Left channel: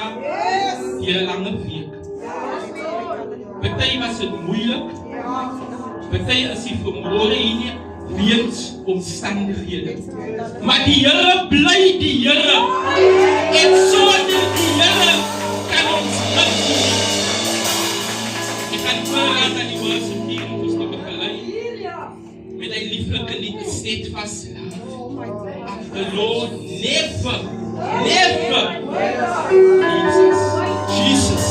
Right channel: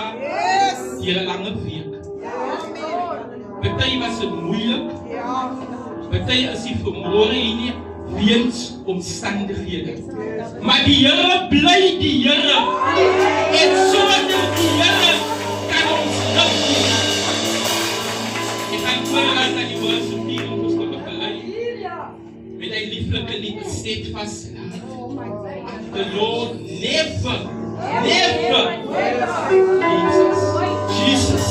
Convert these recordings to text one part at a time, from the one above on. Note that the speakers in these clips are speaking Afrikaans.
jaar, die een lange week. Partij was het moeilijk. Partij is die vermoorde hier weens omstandigheden. Maar die Here bly die Here. En sonder die Here kan ons niks doen. Ik ga vragen aan die worship om ons te begeleiden. Met een lieflijke lied, steadfast love. The Lord never, Jesus.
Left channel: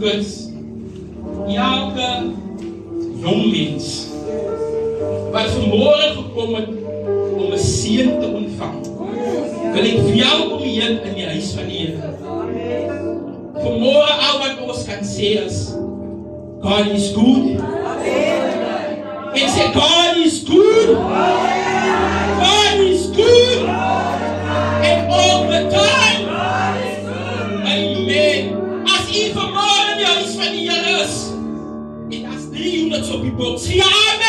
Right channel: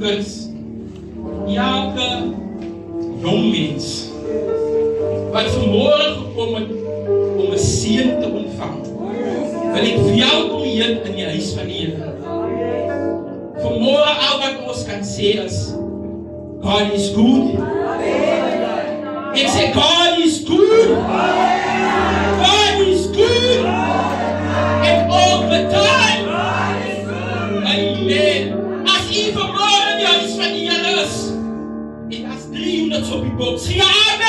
bezoekers elke jong mens wat vanmorgen gekomen om een seën te ontvangen, wil ik welkom hier in je huis van Heer. Vanmorgen al wat ons kan zeggen is, God is good. Ik zeg, God is good. God is good. And all the time. Amen. Als u vanmorgen in je huis van Heer is, ik als 300 op je box. Ja, amen.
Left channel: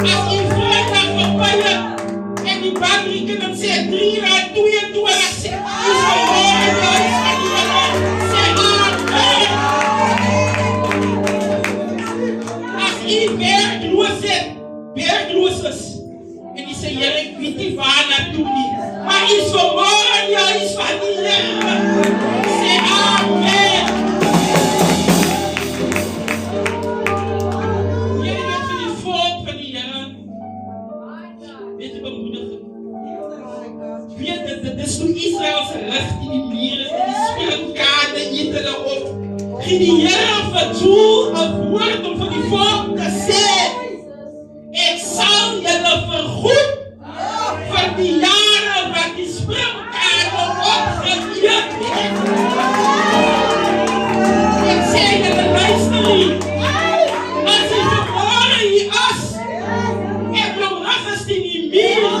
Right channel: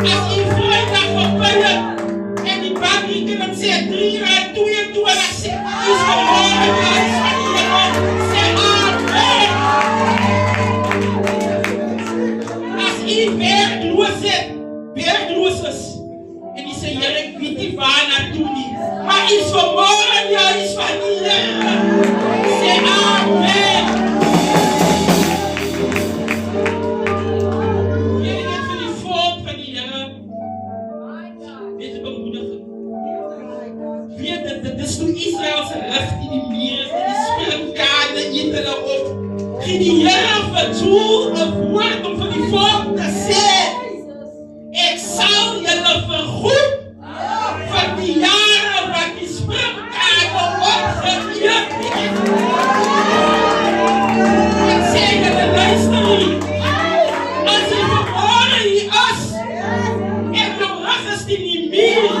Als u vrijdag verbinden en die bankrekening dan zegt 3 rand, 2 en 2 en dan zegt u vanmorgen in je huis van Heer. Zeg amen. Als u werkloos is en die zegt Heer, ik weet niet waar naartoe niet. Maar is vanmorgen in je huis van Heer. Zeg amen. Toen Israël zijn recht in die mieren, in die springkaarten, eten erop. Ging die Heer verdoel een woord om voor die volk te zeggen. Ik zal jullie vergoed voor die jaren wat die springkaarten opgegeven hebben. Ik zeg jullie luisteren. Als je vanmorgen hier is en je rug is in die mieren.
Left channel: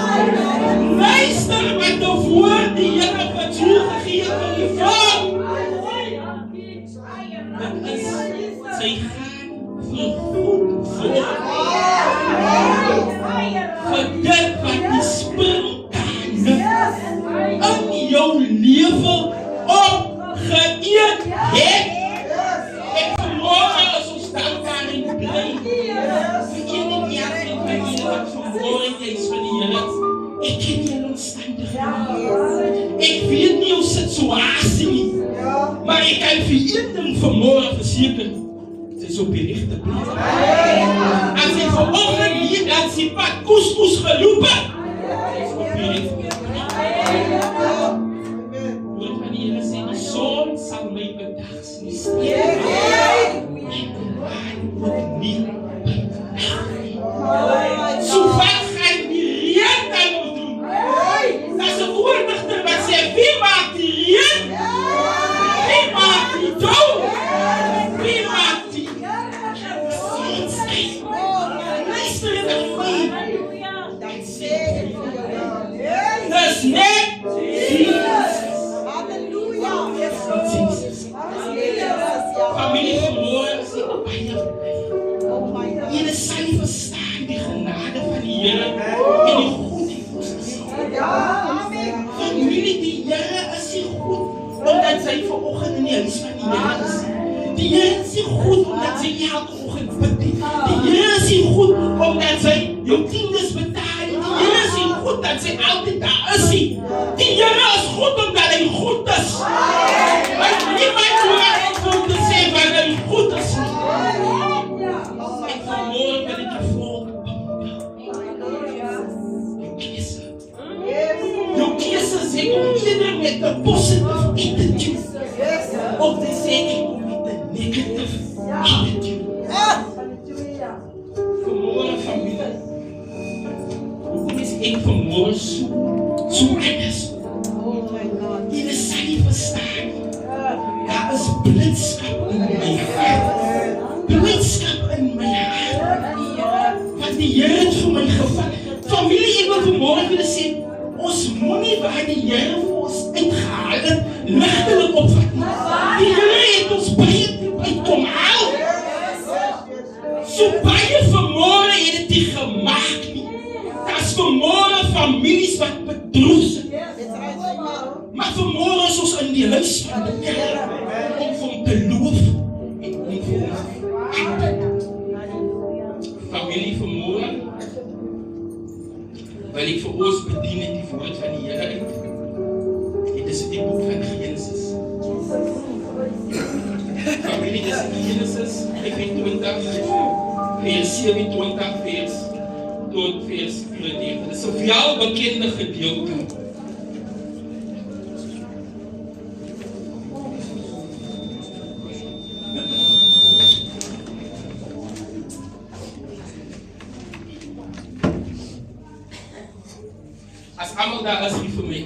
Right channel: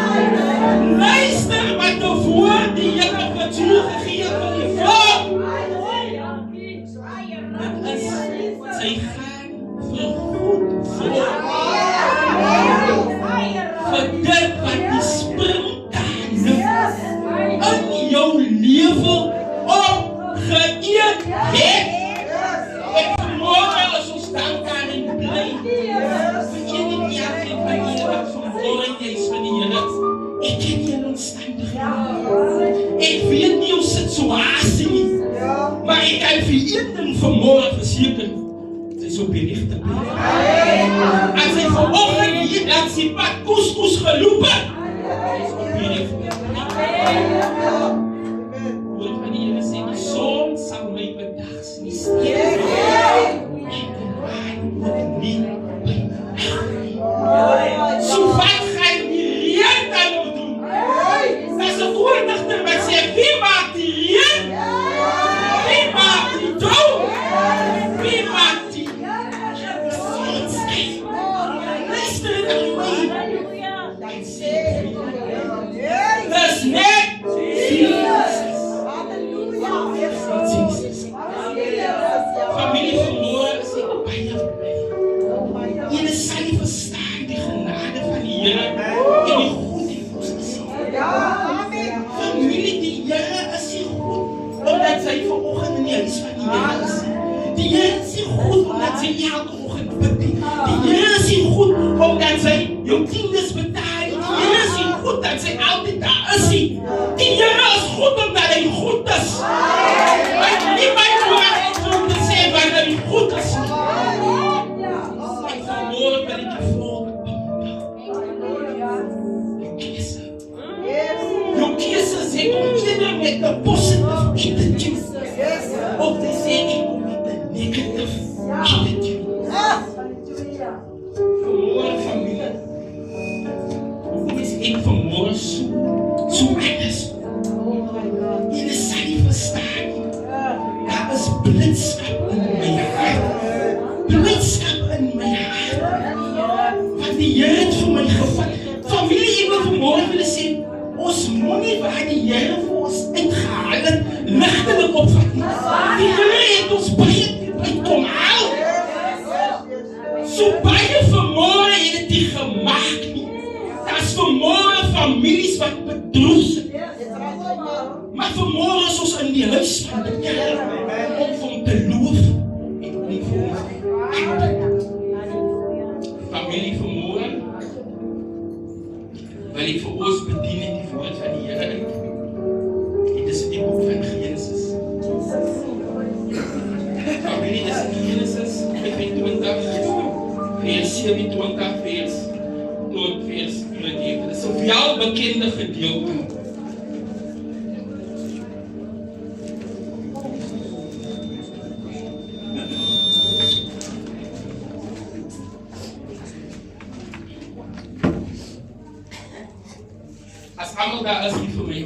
Luister wat de woord die Heer verdoel gegeven van die volk. Dat is, zij gaan vergoed voor dit wat die springkaarten in jouw leven opgeëerd heeft. En vanmorgen als ons dankbaar en blij. Voor iedereen die aan het van Heer wat vanmorgen is van die Heer. Ik ken je omstandigheden. Ik weet niet hoe situatie niet. Maar ik kan voor iedereen vanmorgen verzekeren. Het is op je rechte plek. Als je vanochtend hier dan ziet wat couscous gelopen. Het is op je rechte plek. Woord van Heer zei, die zon zal mij bedags niet steken. En de maan wordt niet bedacht. Zo wat ga je die reën dan nog doen? Dat is een woorddichter wat zegt, wie maakt die reën? Wie maakt die dood? Wie maakt die zonschijn? Luister naar mij. Dat zegt dus net Jezus. Familie verloren is niet bij. Jullie zal niet verstaan die genade van die Heer en die goedheid voor zichzelf. Familie, die Heer is niet goed omdat zij vanochtend in de huis van die Heer is. Die Heer is niet goed omdat zij elke ochtend bidt. Die Heer is niet goed omdat zij jouw tiendes betaalt. Die Heer is niet goed dat zij altijd daar is. Die Heer is goed omdat hij goed is. Maar niemand hoort om te zeggen dat hij goed is. En vanmorgen ben ik je volk. Je kiezen. Je kiezen zich om ieder met de positive attitude. Of te zeggen ik kom met de negative attitude. Vanmorgen familie. Hoe is ik vanmorgen zo anders? Jullie zal niet verstaan. Daar is blindschap in mijn hart. Blindschap in mijn hart. Wat die Heer het voor mij gevat. Familie, ik wil vanmorgen willen zien. Ons money waar die Heer voor ons uitgehaald heeft, lichtelijk opvat. Die Heer heeft ons bij kom halen. Zo bij vanmorgen heeft het die gemaakt niet. Dat is vanmorgen families wat bedroefd zijn. Maar vanmorgen zoals in die huis van de Heer, om van te loven en om voor familie vanmorgen wil ik voor ons bedienen die woord van die Heer. Het is die boek van Genesis. Familie is in Genesis 25, vers 27, vers tot vers 34. Het is een veel bekende gedeelte. allemaal daar is hier vir my.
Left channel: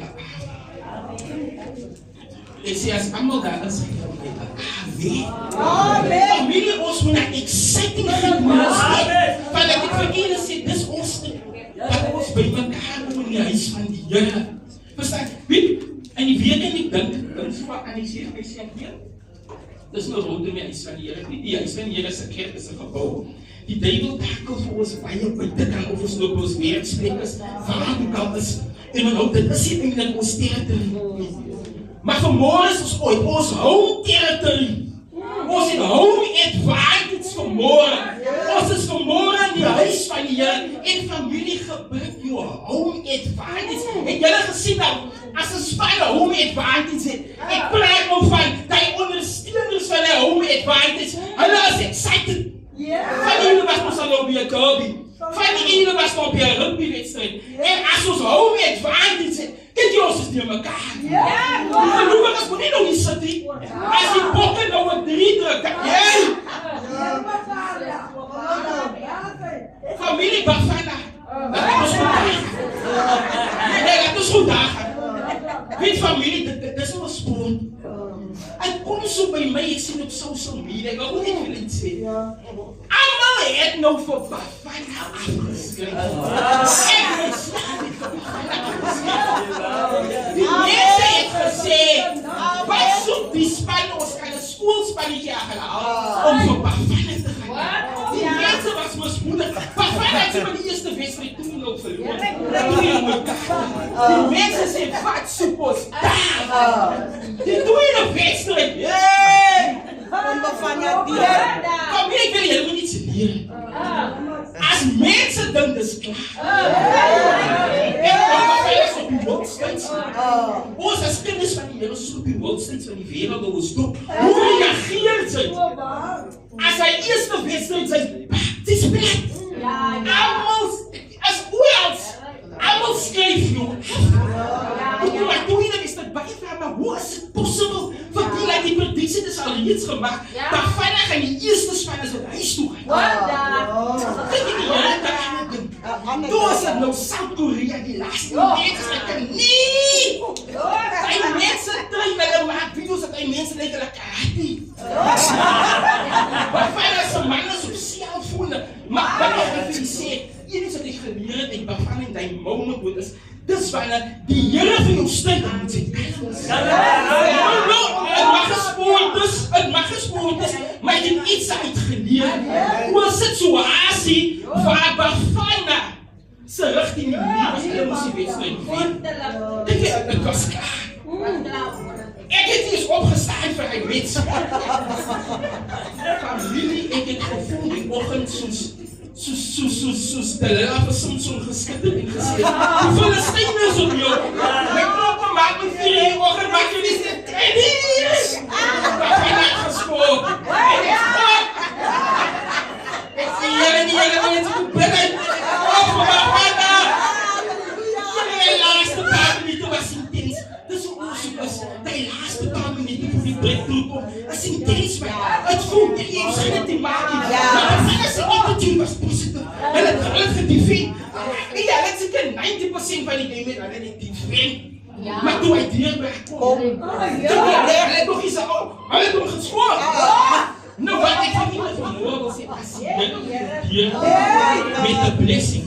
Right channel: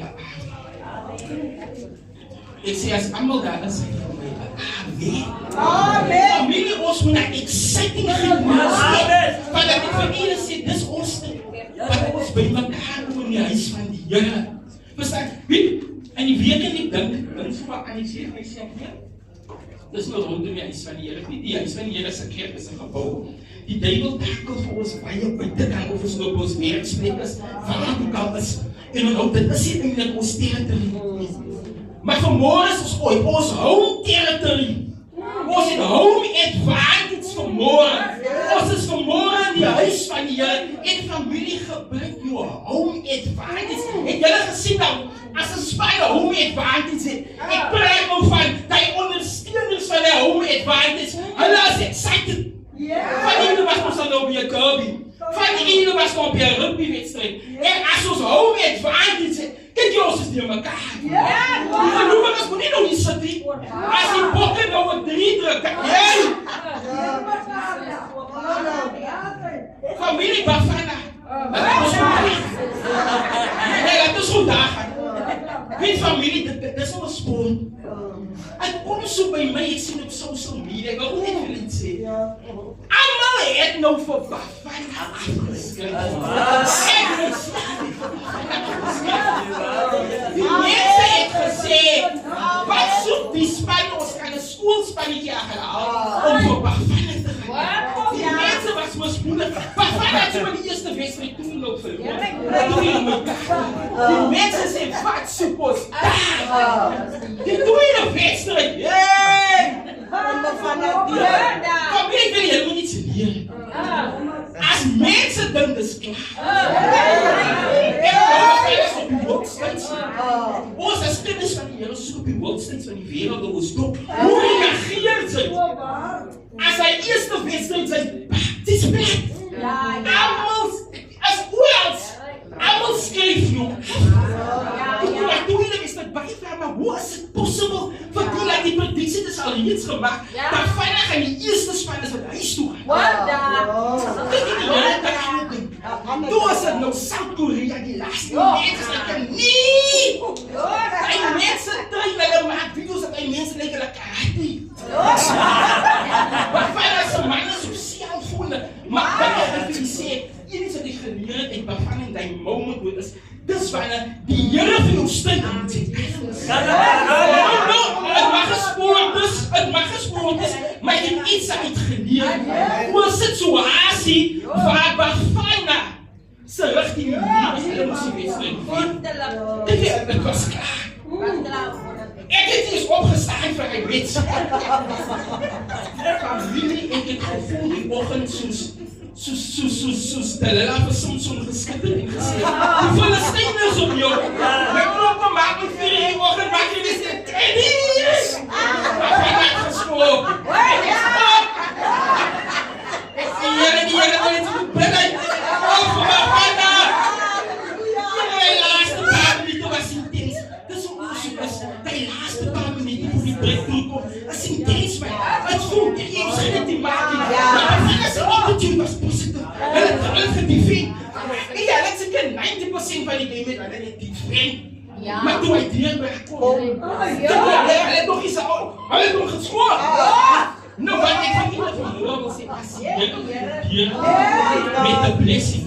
Ek sê as allemaal daar is hier vir my. Amen. Familie, ons moet na exciting gemoed hê. Want ek vir julle sê, dis ons ding. Dat ons by mekaar kom in die huis van die Here. Verstaan? Weet, in die week en ek dink so wat analyseer myself weer. Dis nou rondom die huis van die Here. Die huis van die Here is 'n kerk, is 'n gebou. Die duiwel takel vir ons baie buitekant of ons op ons werksprekers, waar ook al is. En nou, dit is nie eintlik ons territorie. Maar vanmôre is ons ooit ons home territory. Ons het home advantage vanmôre. Ons is vanmôre in die huis van die Here en familie gebruik jou home advantage. Het julle gesien nou, as 'n span home advantage het, ek praat nou van die ondersteuners van die home advantage. Hulle is excited. Van die ene was ons al nou by 'n derby. Van die ene was nou by 'n rugbywedstryd. En as ons home advantage het, kyk jy ons is nie mekaar. Gelowiges moet nie nou nie sit nie. As die bokke nou 'n 3 druk, jy! Familie Bafana. Dit is goed daar gaan. Weet familie, dit is nou 'n sport. Hy kom so by my, ek sien op social media, ek wil net vir iets sê. Almal het nou vir Bafana afgeskryf. Die mense het gesê, wat soek die span, ons kan 'n skoolspannetjie aanhaal om vir Bafana te gaan. Die mense was moesmoedig. Bafana het so die eerste wedstryd toe nou verloor. Die mense sê, wat soek ons daar? Die tweede wedstrijd, kom hier, ik wil helemaal niet leren. Als mensen dan dus klaar. En dan op die worldstates. Ons als kinders van die Here, ons op die worldstates van die wereld, dat ons doen. Hoe reageert ze? Als hij eerste wedstrijd zijn, het is plat. Allemaal, als oorals, allemaal schrijf nog. Maar toen is dat bijvraag, maar hoe is het possible? Voor die predictie is al iets gemaakt. Dat Bafana gaan die eerste spanners van huis toe gaan. Kijk die Here dat gaan doen. Toen was het nou Zuid-Korea, die laatste mensen zeggen nee. Die mensen trainen, maken video's dat die mensen lijken karate. Bafana is een man sociaal voelen. Maar wat ik gefeliciteerd, jullie zijn die geleerd en Bafana in die moment moet is. Dis wanneer die Here vir jou steun aan sy kinders. Het mag gesport is, maar jy het iets uitgeleer. Hoe is dit situasie waar Bafana se rigting nie was, hulle moes die wedstryd wen. Ek was klaar. Ek het eens opgestaan vir hy wedstryd. Familie, ek het gevoel die oggend soos Delilah vir Samson geskitter en gesê, die Filistyners op jou. My klokke maak my 4 uur oggend, maak jy nie sê, kry nie! Bafana het geskop. En ek skop. Ek sê, die Here mense moet bid. Vir Bafana. Die laaste paar minute was intens. Dis hoe ons is. Die laaste paar minute voor die breakthrough kom, is intens, man. Het voelt nie, jy sê net die maak nie. Maar Bafana se attitude was positief. Hulle het gedefend. Ja, hulle het seker 90% van die game met hulle net defend. Maar toe hy deur kom, hulle het nog iets aan, hulle het hom geskop. Nou wat ek van julle vanmôre wil sê, as jy deur met 'n blessing,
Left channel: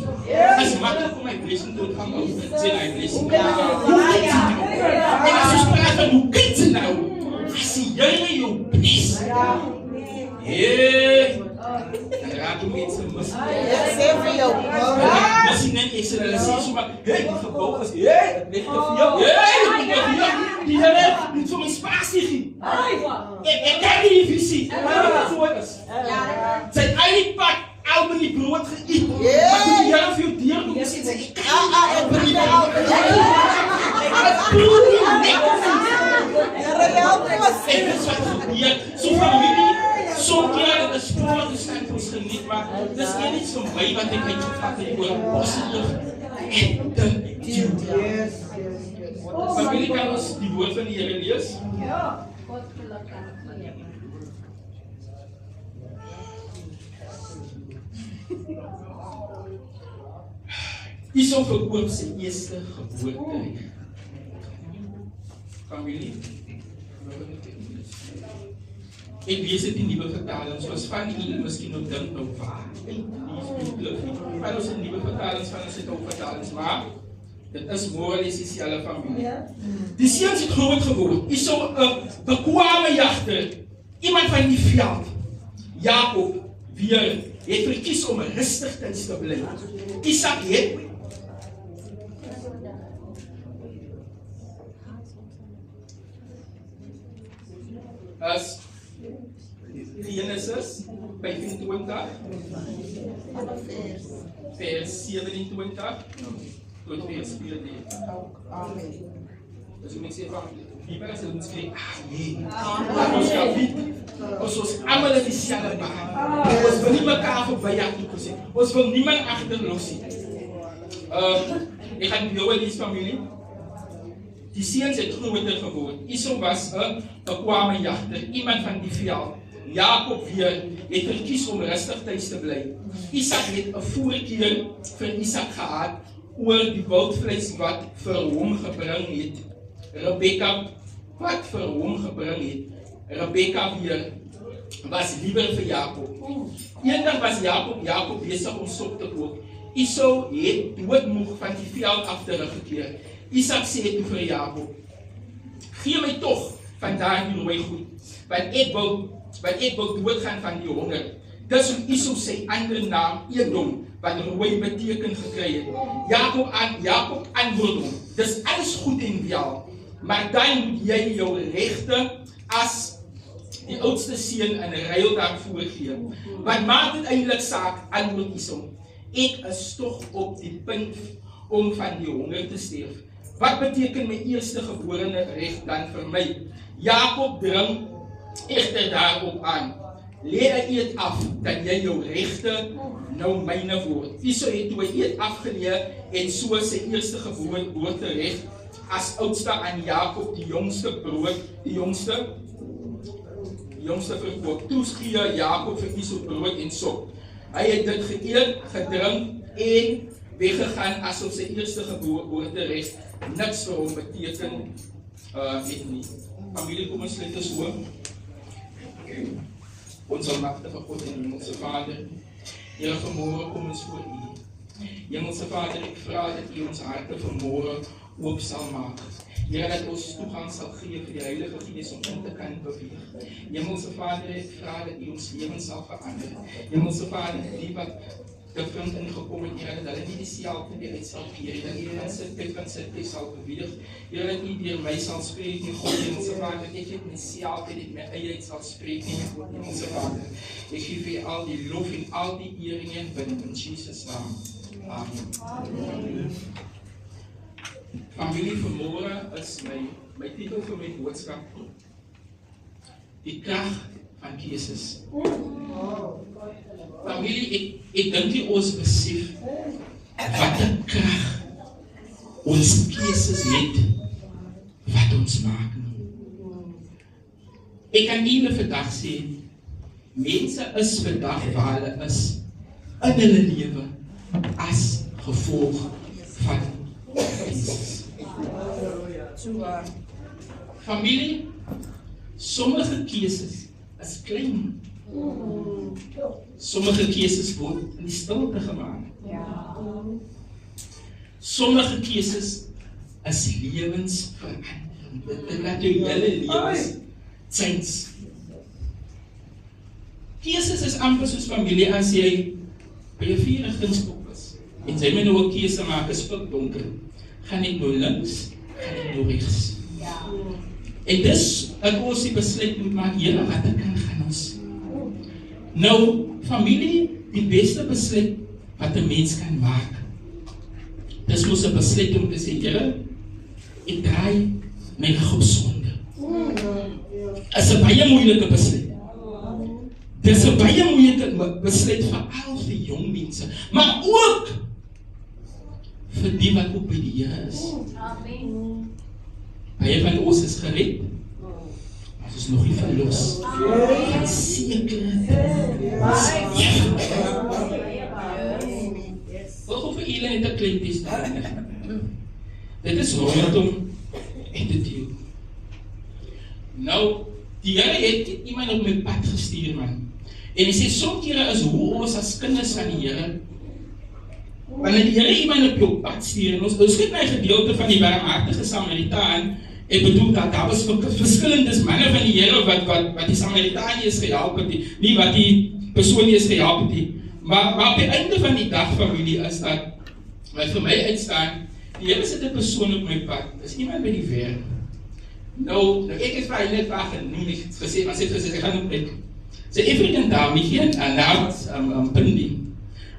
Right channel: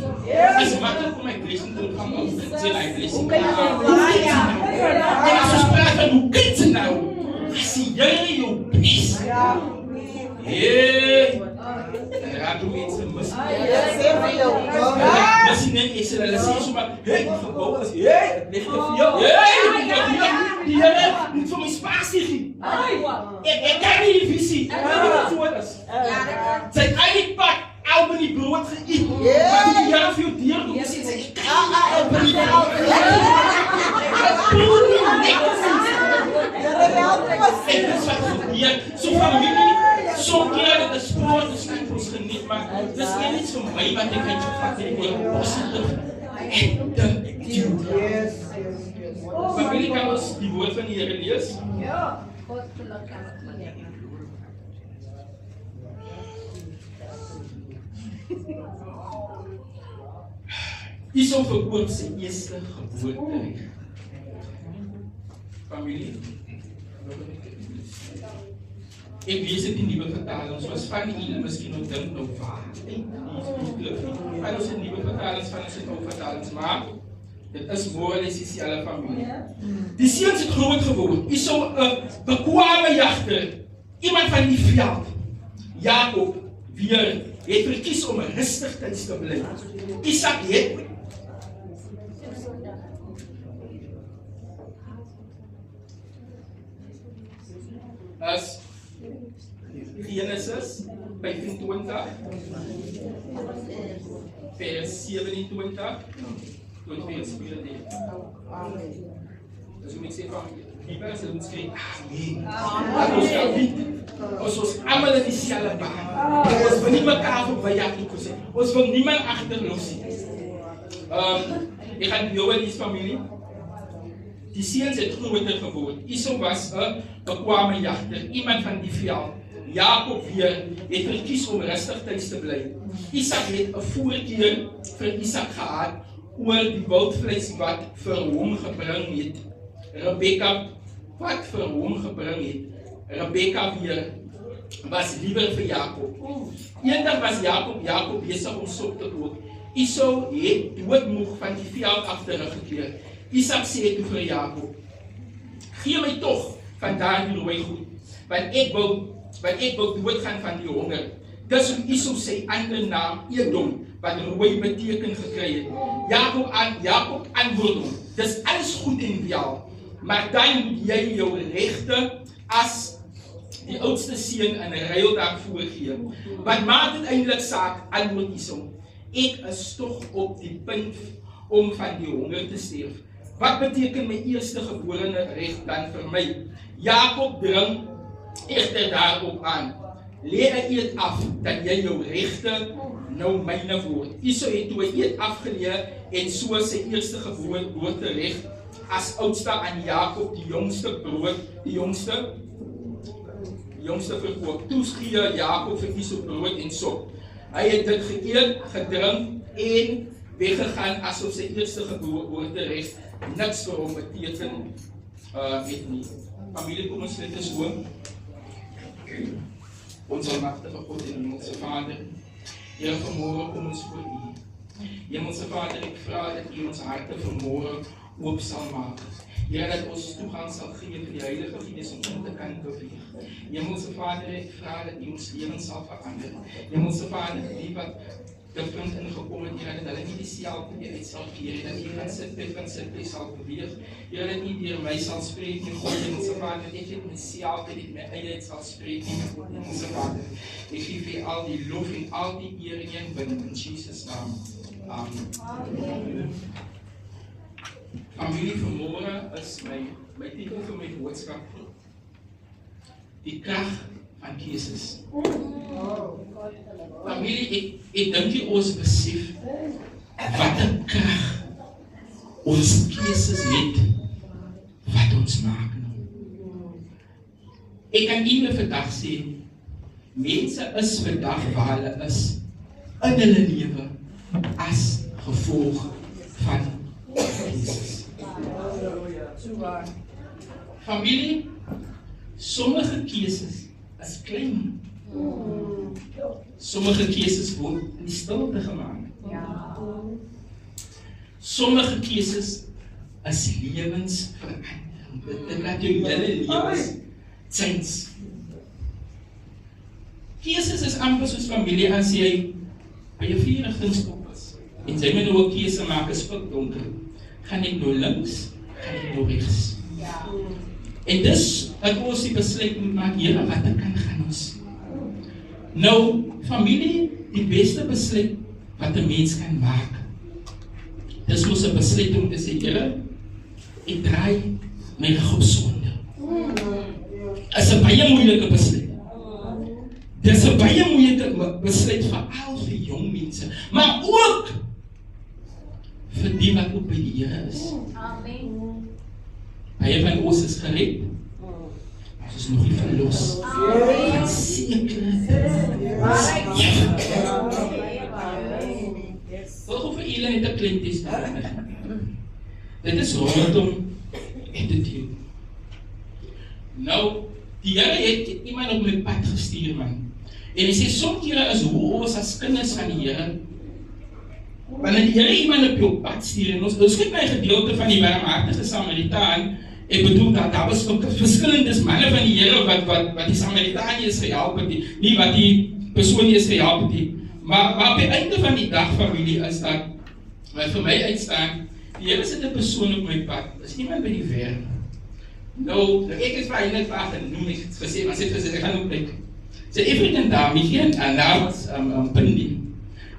is maklik om my blessing te ontvang, sê hy blessing. En as ons praat van hoe kyk jy nou, as jy jou bless, raak die mense mis. Misschien ek sê hulle sê so maar, die gebouw is, het ligt te veel. Die Here moet vir my spasie gee. Ek kan nie die visie. Dit so is. Sy het eintlik pak Albany brood geëet. Maar toe die Here vir jou deur kom sê sy, ek kan nie Albany brood geëet. Het brood nie lekker is. En dis wat gebeur. So familie, soms keer dit is sport, dis kan vir ons geniet, maar dis iets vir my wat ek uitgevat het oor positief attitude. Familie, kan ons die woord van die Here lees? Ja. Hierso verkoop sy eerste geboorterecht. Familie, ek lees dit in nuwe vertalings, soos van julle miskien ook dink nou waar, van ons nuwe vertalings, van ons ou vertalings, maar dit is more as dieselfde familie. Die seuns het groot geword. Hierso 'n bekwame jagter, iemand van die veld, Jakob, weer het verkies om rustig te bly. Isak het as Genesis 25 vers 27 tot vers 34. Dus ik zeg van, die mensen moeten schrijven, amen. Als ons allemaal in diezelfde baan. Ons wil niet elkaar voorbij jagen. Ons wil niemand achterloos. Ik ga met jou en die familie. Die seuns het groter geword. Hierso was 'n bekwame jagter, iemand van die veld. Jakob weer het verkies om rustig thuis te bly. Isak het 'n voorkeur vir Isak gehad oor die wildvleis wat vir hom gebring het. Rebekka wat vir hom gebring het. Rebekka weer was liewer vir Jakob. Eendag was Jakob besig om sop te kook. Hierso het doodmoeg van die veld af teruggekeer. Isak sê toe vir Jakob, gee my tog van daardie rooi goed, want ek wil doodgaan van die honger. Dis hoe Esau sy ander naam Edom, wat rooi beteken gekry het. Jakob antwoord hom, dis alles goed en wel, maar dan moet jy jou regte as die oudste seun in ruil daarvoor gee. Wat maak dit eintlik saak, antwoord Esau, ek is tog op die punt om van die honger te sterf. Wat beteken my eerste geborene reg dan vir my? Jakob dring egter daarop aan. Lê 'n eed af dat jy jou regte nou myne word. Esau het toe 'n eed afgeleë en so sy eerste geboortereg as oudste aan Jakob die jongste verkoop. Toe gee Jakob vir Esau brood en sop. Hy het dit geëet, gedrink en weggegaan asof sy eerste geboortereg niks vir hom beteken het nie. Familie, kom ons sluit eens hoor. Ons almagtige God en Hemelse Vader, Here, vanmorgen kom ons voor U. Hemelse Vader, ek vra dat U ons harte vanmorgen oop sal maak. Here, dat ons toegang sal gee vir die Heilige Gees om in te kan beweeg. Hemelse Vader, ek vra dat U ons lewens sal verander. Hemelse Vader, die wat different ingekom het, Here, dat hulle nie dieselfde weer uit sal keer, dat U van sit sal beweeg. Here, dat U deur my sal spreek, nie God, Hemelse Vader, ek het myself uit my eie uit sal spreek, nie God, Hemelse Vader. Ek gee vir al die lof en al die eer en binne in Jesus naam. Amen. Familie, vanmorgen is my titel vir my boodskap, die krag van keuses. Familie, ek dink nie ons besef wat 'n krag ons keuses het wat ons maak. Ek kan nie vandag sê, mense is vandag waar hulle is in hulle lewe as gevolg van keuses. Familie, sommige keuses is klein. Sommige keuses word in die stilte gemaak. Sommige keuses is lewensverandering. Dit laat jou hele lewens change. Keuses is amper soos familie as jy by 'n vuurligtingskop is en jy moet nou 'n keuse maak, is pikdonker. Gaan ek nou links, gaan ek nou regs? En dis dat ons die besluit moet maak, Here, wat kan gaan ons? Nou, familie, die beste besluit wat 'n mens kan maak, dis mos 'n besluit om te sê, Here, ek draai my rug op sonde. Is 'n baie moeilike besluit. Dis 'n baie moeilike besluit veral vir jong mense, maar ook vir die wat ook by die Here is. Amen. Baie van ons is gered, maar ons is nog nie verlos. Van sekere dinge. Wat vir julle het 'n klein testament. Dit is rondom attitude. Nou, die Here het iemand op my pad gestuur, man. En hy sê, soms kere is hoe ons as kinders van die Here, wanneer die Here iemand op jou pad stuur, en ons kyk na die gedeelte van die barmhartige Samaritaan, ek bedoel dat daar was verskillende manne van die Here wat die Samaritaan is gehelp het, nie wat die persoon is gehelp het, maar op die einde van die dag, familie, is dat, wat vir my uitstaan, die Here sit 'n persoon op my pad, is iemand by die werk. Nou, ek het vir hy net waar genoem, ek het gesê, maar sy het gesê, ek gaan opbreek. Sy African dame, hier en daar was Pindi.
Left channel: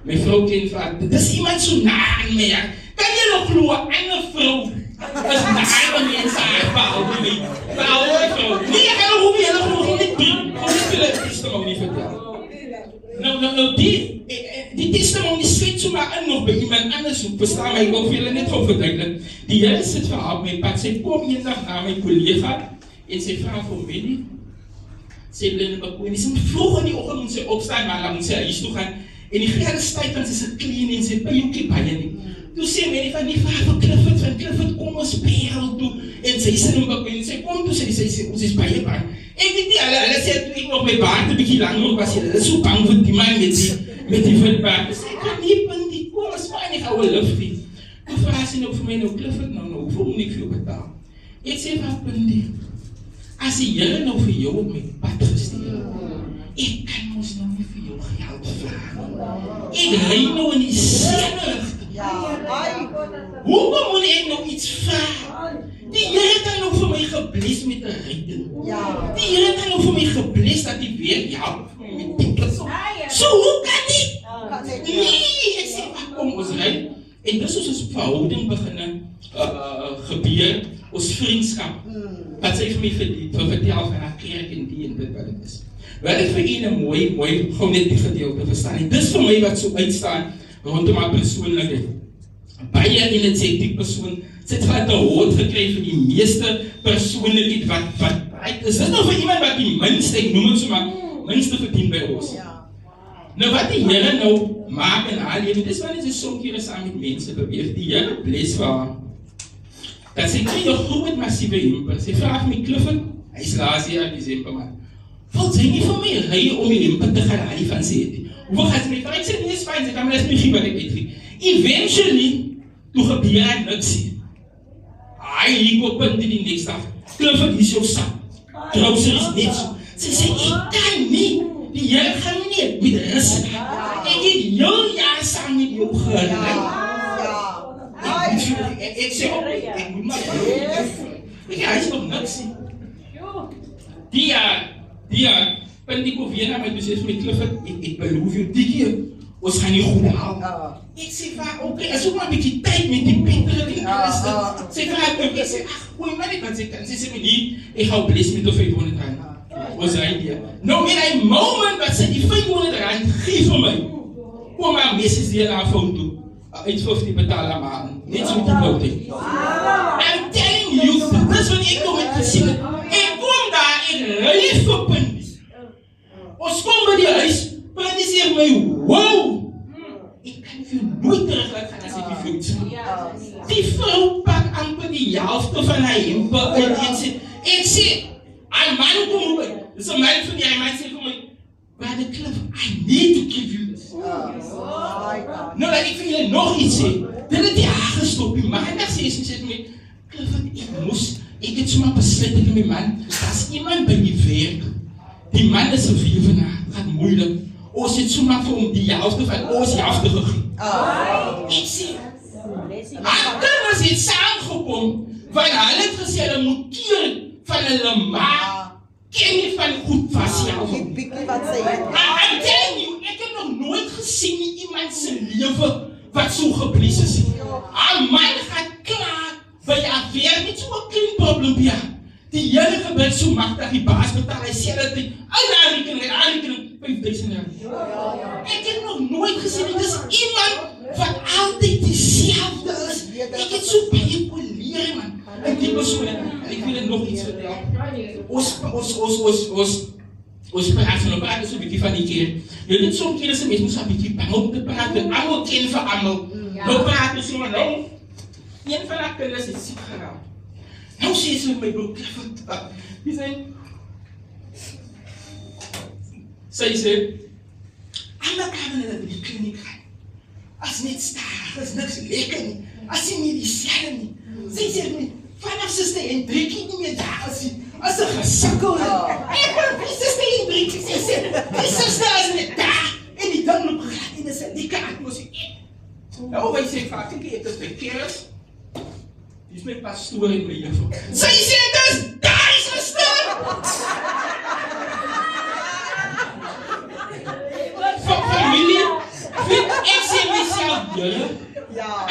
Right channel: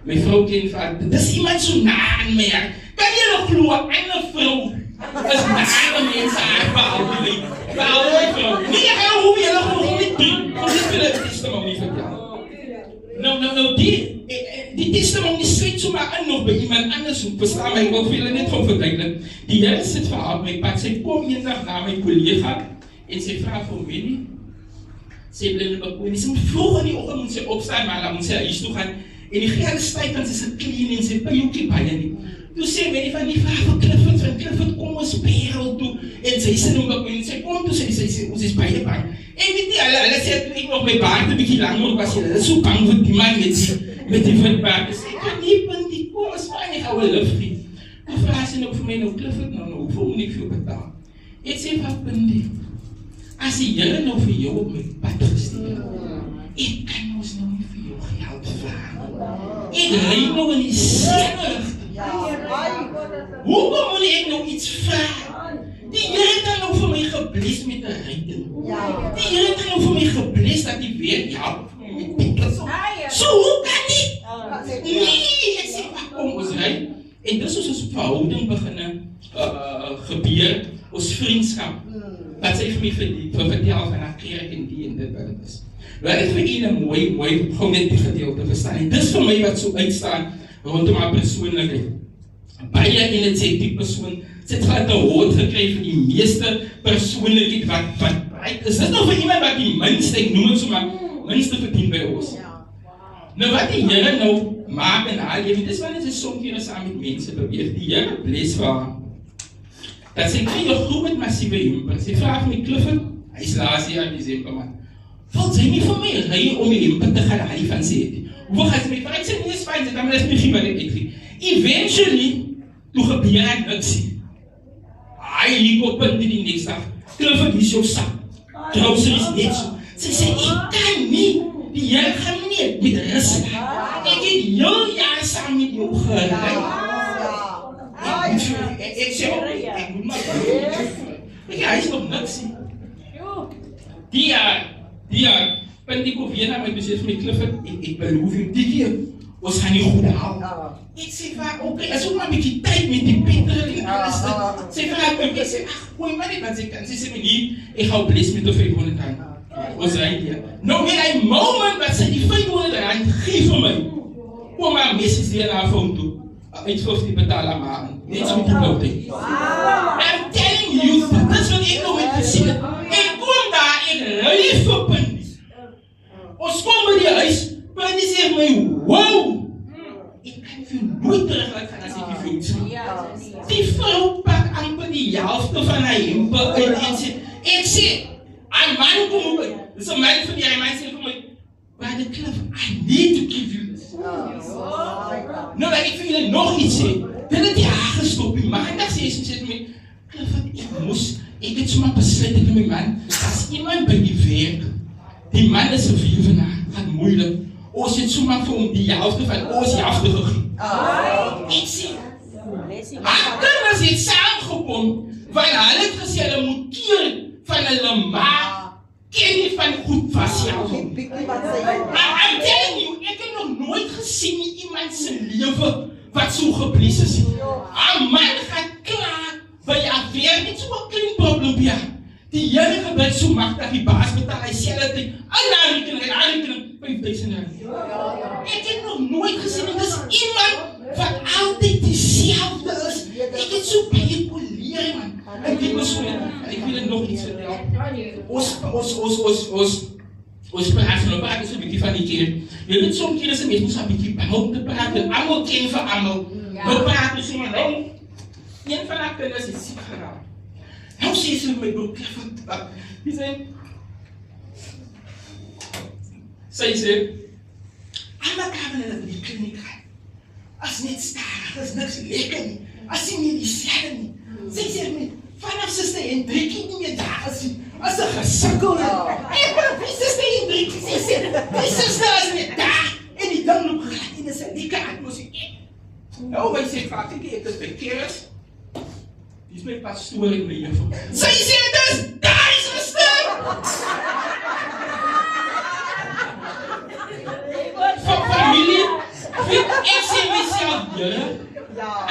My vrou ken van, dit is iemand so na aan my, kan jy nog glo, eine vrou, is na aan mense haar behouden nie. Behouden vrou. Nee, ek kan nog hoe jy nog nie doen, kom nie vir die testimonie vertel. Nou, die testimonie sluit so maar in nog by iemand anders, verstaan my, ek wil vir julle net van verduidelik. Die Here sit vir haar op my pad, sy kom eendag na my collega, en sy vraag vir my, sy blinde bekoen, sy moet vroeg in die oggend moet sy opstaan, maar dan moet sy huis toe gaan, en die gele stuit aan sy clean, en sy pijhoekie baie nie. Toe sê my van die vraag van Clifford, kom ons perel toe, en sy sê nog bekoen, sy kom toe, sy sê, ons is baie bang. Ek weet nie, hulle sê, toe ek nog my baard een bykie lang nog was, hulle is so bang vir die man met die witbaard. Sy sê, kan nie, Pindi, kom, is fijn, ek hou een luftie. Toe vraag sy nog vir my, Clifford, hoeveel moet ek vir jou betaal? Ek sê, wat, Pindi, as die Here nou vir jou op my pad gestuur, ek kan ons nou nie vir jou geld vraag. Ek ry nou in die seker. Hoekom moet ek nou iets vraag? Die Here kan nou vir my gebless met 'n redding. Die Here kan nou vir my gebless dat die weer help vir my met pikkels. So hoe kan dit? Nee, ek sê, kom ons ry. En dis ons verhouding begin gebeur, ons vriendskap. Dat sy vir my vertel van haar kerk en die en dit wat het is. Wat het vir een mooi, gewoon net die gedeelte verstaan. En dis vir my wat so uitstaan, rondom haar persoonlikheid. Baie en het sê die persoon, sy het wat 'n hoort gekry van die meeste persoonlikheid wat breed is. Dis nou vir iemand wat die minste, ek noem het so maar, minste verdien by ons. Nou wat die Here nou maak in haar lewe, dis wanneer sy soms keer saam met mense beweeg, die Here bless vir haar. Dat sy kry 'n groot massiewe hemper. Sy vraag my, Clifford, hy is laas jaar in December, man. Wil sy nie vir my ry om die hemper te gaan haal van sy het? Hoeveel gaan sy my vraag? Ek sê nie is fijn, sy kan my dat my geen wat ek uitvind. Eventually, toe gebeur hy niks. Hy liep op punt in die niks dag. Clifford, hier is jou sak. Groceries net so. Sy sê, ek kan nie, die Here gaan nie met rus laat. Ek het heel jaar saam met jou gery. Ek sê, ek moet maar hy is nog niks. Die jaar, punt ek weer na my toe sê vir my, Clifford, ek beloof jou, die keer, ons gaan nie goed haal. Ek sê vir, oké, as ook maar 'n bietjie tyd met die petrol en alles. Sê vir haar, ek sê, gooi maar net wat sy kan. Sy sê my nie, ek gaan bless met die R500. Ons ry hier. Nou in een moment wat sy die R500 gee vir my, kom maar message die na haar phone toe. Iets 50 betaal aan maand. Net so met die blote. I'm telling you, dis wat ek nou het gesien. Ek kom daar en ry vir Pindi. Ons kom by die huis, Pindi sê my, wow! Ek kan vir nooit terug laat gaan as ek die vloed sien. Die vrou pak amper die helfte van haar hemper uit en sê, ek sê, een man kom by, dis een man van die man sê vir my, Brother Cliff, I need to give you this. Nou, dat ek vir julle nog iets sê, dit het die haar gestop, die maandag sê vir my, Cliff, ek het sommer besluit met my man, as iemand by die werk, die man is een viervenaar, gaat moeilijk, ons het sommer vir hom die helfte van ons helfte gegee. Ek sê, haar kinders het saamgekom, want hulle het gesê, hulle moet keer van hulle ma, ken nie van goed vasjou. I'm telling you, ek het nog nooit gesien nie iemand se lewe wat so geblies is. Haar man gaan klaar by haar weer met so 'n klein probleempie. Die Here gebeur so magtig, die baas betaal hy sê dat hy aanrekening R5,000. Ek het nog nooit gesien, dit is iemand wat altyd dieselfde is. Ek het so baie poleer, man. Ek weet so, ek wil nog iets vertel. Ons praat van 'n paar so 'n bietjie van die keer. Jy weet soms keer is 'n mens moet so 'n bietjie behou te praat en almal ken vir almal. Nou praten ze maar nou. Een van haar kinders is ziek geraakt. Nou sê sy my broer, die sy sê, allemaal kan hulle die kliniek gaan. As net stadig, as niks lekker nie, as die medicijne nie. Sy sê my, vanaf Suster Hendrikie nie meer daar as sy gesukkel het. En wie Suster Hendrikie, sy sê, die Suster is net daar. En die ding loop glad en is een lekker atmosfeer. Nou, wij sê vaak, ek is by Keres. Die is my pastoor en my juffrou. Sy sê, dis daar, Suster! Van familie, ek sê myself, Here,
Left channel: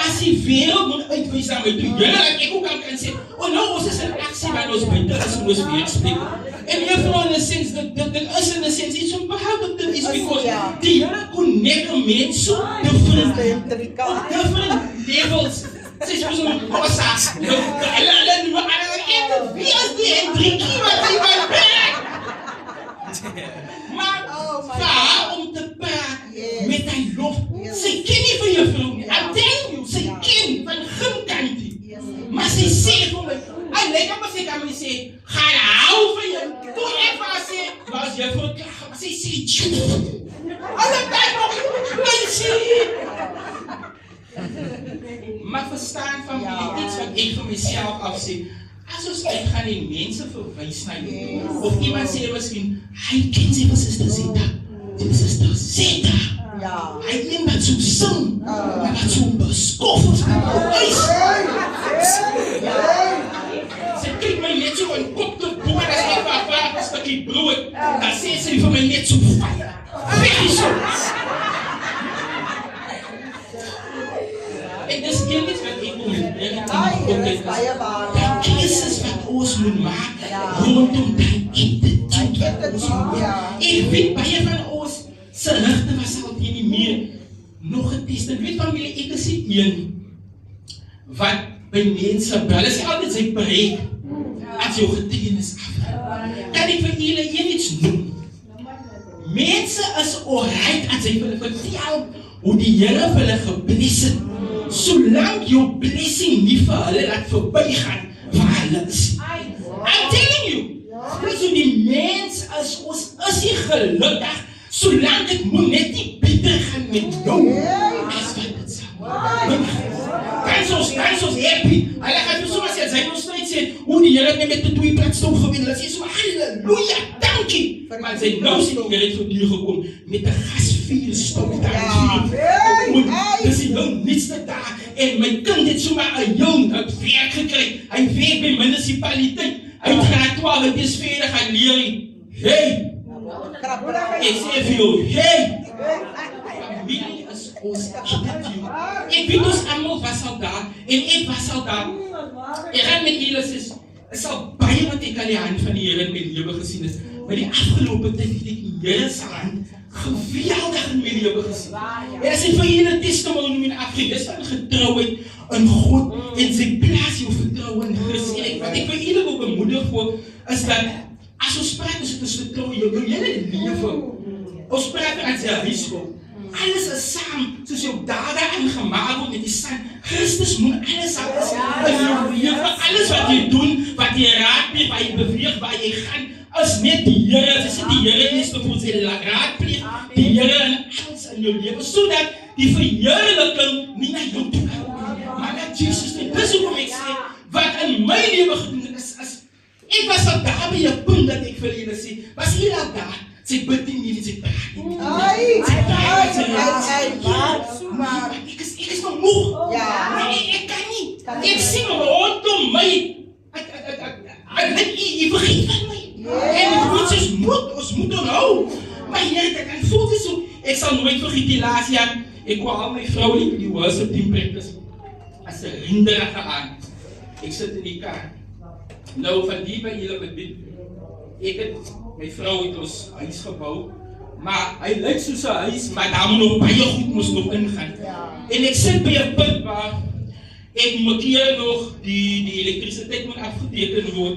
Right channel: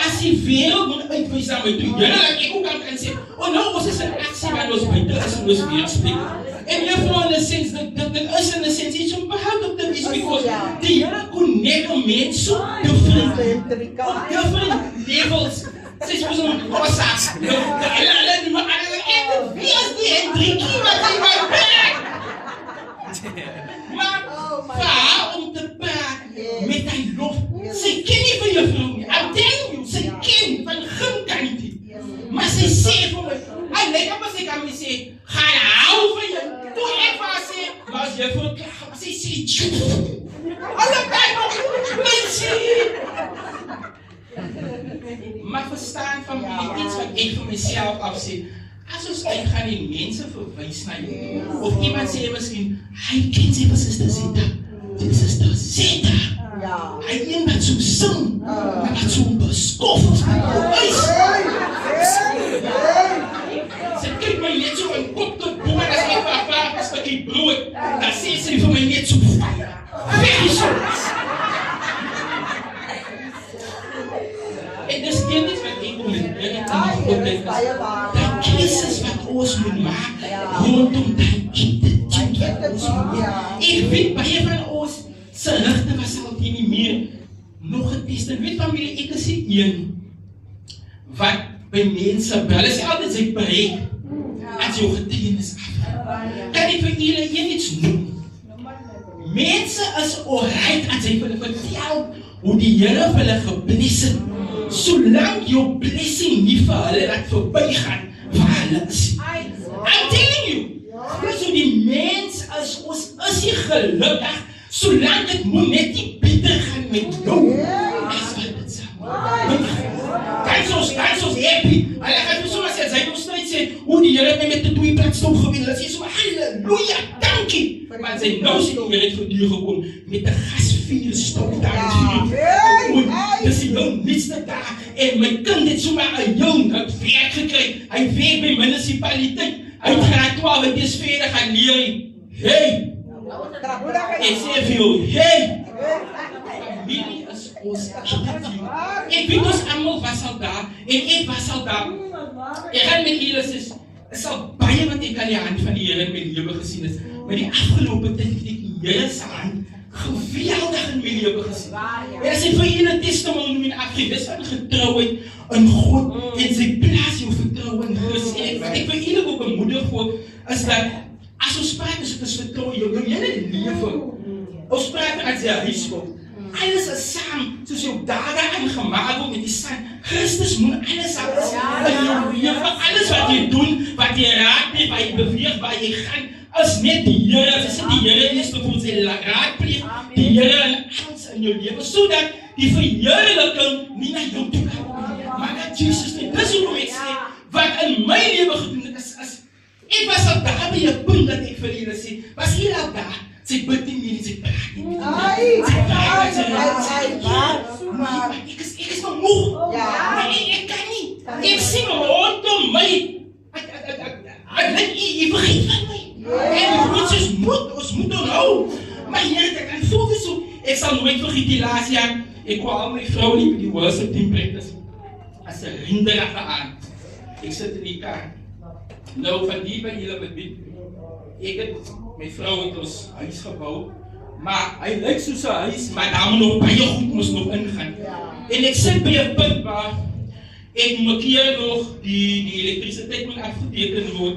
as die wereld moet uitwees aan my toe, Here, dat ek ook kan sê, nou, ons is in aksie, want ons buiten is en ons weerspreek. En juffrou, in a sense, dit is in a sense iets om behoud te wees, because die Here connect a mens so different levels. Sy is ons om passa's, hulle noem en wie is die Hendrikie wat hy my brengt? Maar vir haar om te praat met hy lof, sy ken nie van juffrou nie, I'm telling you, sy ken van gimkant nie. Maar sy sê vir my, hy lyk op as ek aan my sê, gaan hou van jou, toe ek vir haar sê, maar as juffrou klaar, maar sy sê, alle tyd nog, mensie! Maar verstaan van my iets wat ek vir myself afsê, as ons uitgaan en mense verwys na jou, of iemand sê miskien, hy ken sy vir Suster Zeta, sy Suster Zeta, hy een wat so sing, maar wat so beskof of huis. Sy kyk my net so in kop te boor, as ek vir vraag een stukkie brood, dan sê sy vir my net so fire, weg is so. En dis een iets wat ek moet leer in die opleiding is, die keuzes wat ons moet maak, rondom die attitude wat ons moet doen. Ek weet baie van ons, sy rigte was altyd nie meer nog getest. En weet familie, ek is die een, wat by mense bel, is altyd sy bereik, as jou getuienis af. Kan ek vir julle een iets noem? Mense is alright as hy vir hulle vertel, hoe die Here vir hulle gebless het, solang jou blessing nie vir hulle laat voorbijgaan, vir hulle is. I'm telling you, dis hoe die mens is, ons is nie gelukkig, solang het moet net nie beter gaan met jou, as wat het saam. Dans ons happy, hulle gaan nie soms as hy ons tyd sê, hoe die Here het met die 2 platstop gewin, hulle sê so, halleluja, dankie, maar sy nou sê die Here het vir die gekom, met die gasvuurstop, dankie, dis die jou nietste daar, en my kind het so maar een jong, het werk gekry, hy werk by municipaliteit, hy het graad 12, het is verder gaan leer, hey, ek sê vir jou, hey, familie is ons attitude. Ek weet ons allemaal was al daar, en ek was al daar. Ek gaan met julle is al baie wat ek aan die hand van die Here in my lewe gesien is, maar die afgelopen tyd het ek die Here se hand geweldig in my lewe gesien. En as ek vir julle testimony in afgeef, van getrouheid in God, en sy plaas jou vertrouwen in Christus, en wat ek vir julle ook bemoedig voor, is dat, as ons praat, is het vertrouw jou hele lewe. Ons praat as jy huis wil. Alles is saam, soos jou dade aangemaak word met die san. Christus moet alles aan in jou lewe, alles wat jy doen, wat jy raadpleeg, waar jy beweeg, waar jy gaan, is net die Here, as die Here is te voel, sy raadpleeg, die Here in alles in jou lewe, sodat die verheerliking nie na jou toe kan, maar dat Jesus nie. Dis hoe ek sê, wat in my lewe gedoen is, ek was al daar by jou punt dat ek vir julle sê, was hier al daar, sy bid nie meer, sy praat nie meer. Maar ek is nog moeg. Maar ek kan nie. Ek sien my rondom my. Jy vergeet van my. En ons moet onthou. Maar Here, ek voel dit so. Ek sal nooit vergeet die laatste jaar. Ek kwam al my vrou nie die worship team practice. As 'n hinderige aan. Ek sit in die kar. Nou van die by julle bedien. Ek het my vrou het ons huis gebou, maar hy lyk soos 'n huis, maar daar moet nog baie goed moes nog ingaan. En ek sit by 'n punt waar ek moet hier nog die elektrisiteit moet afgeteken word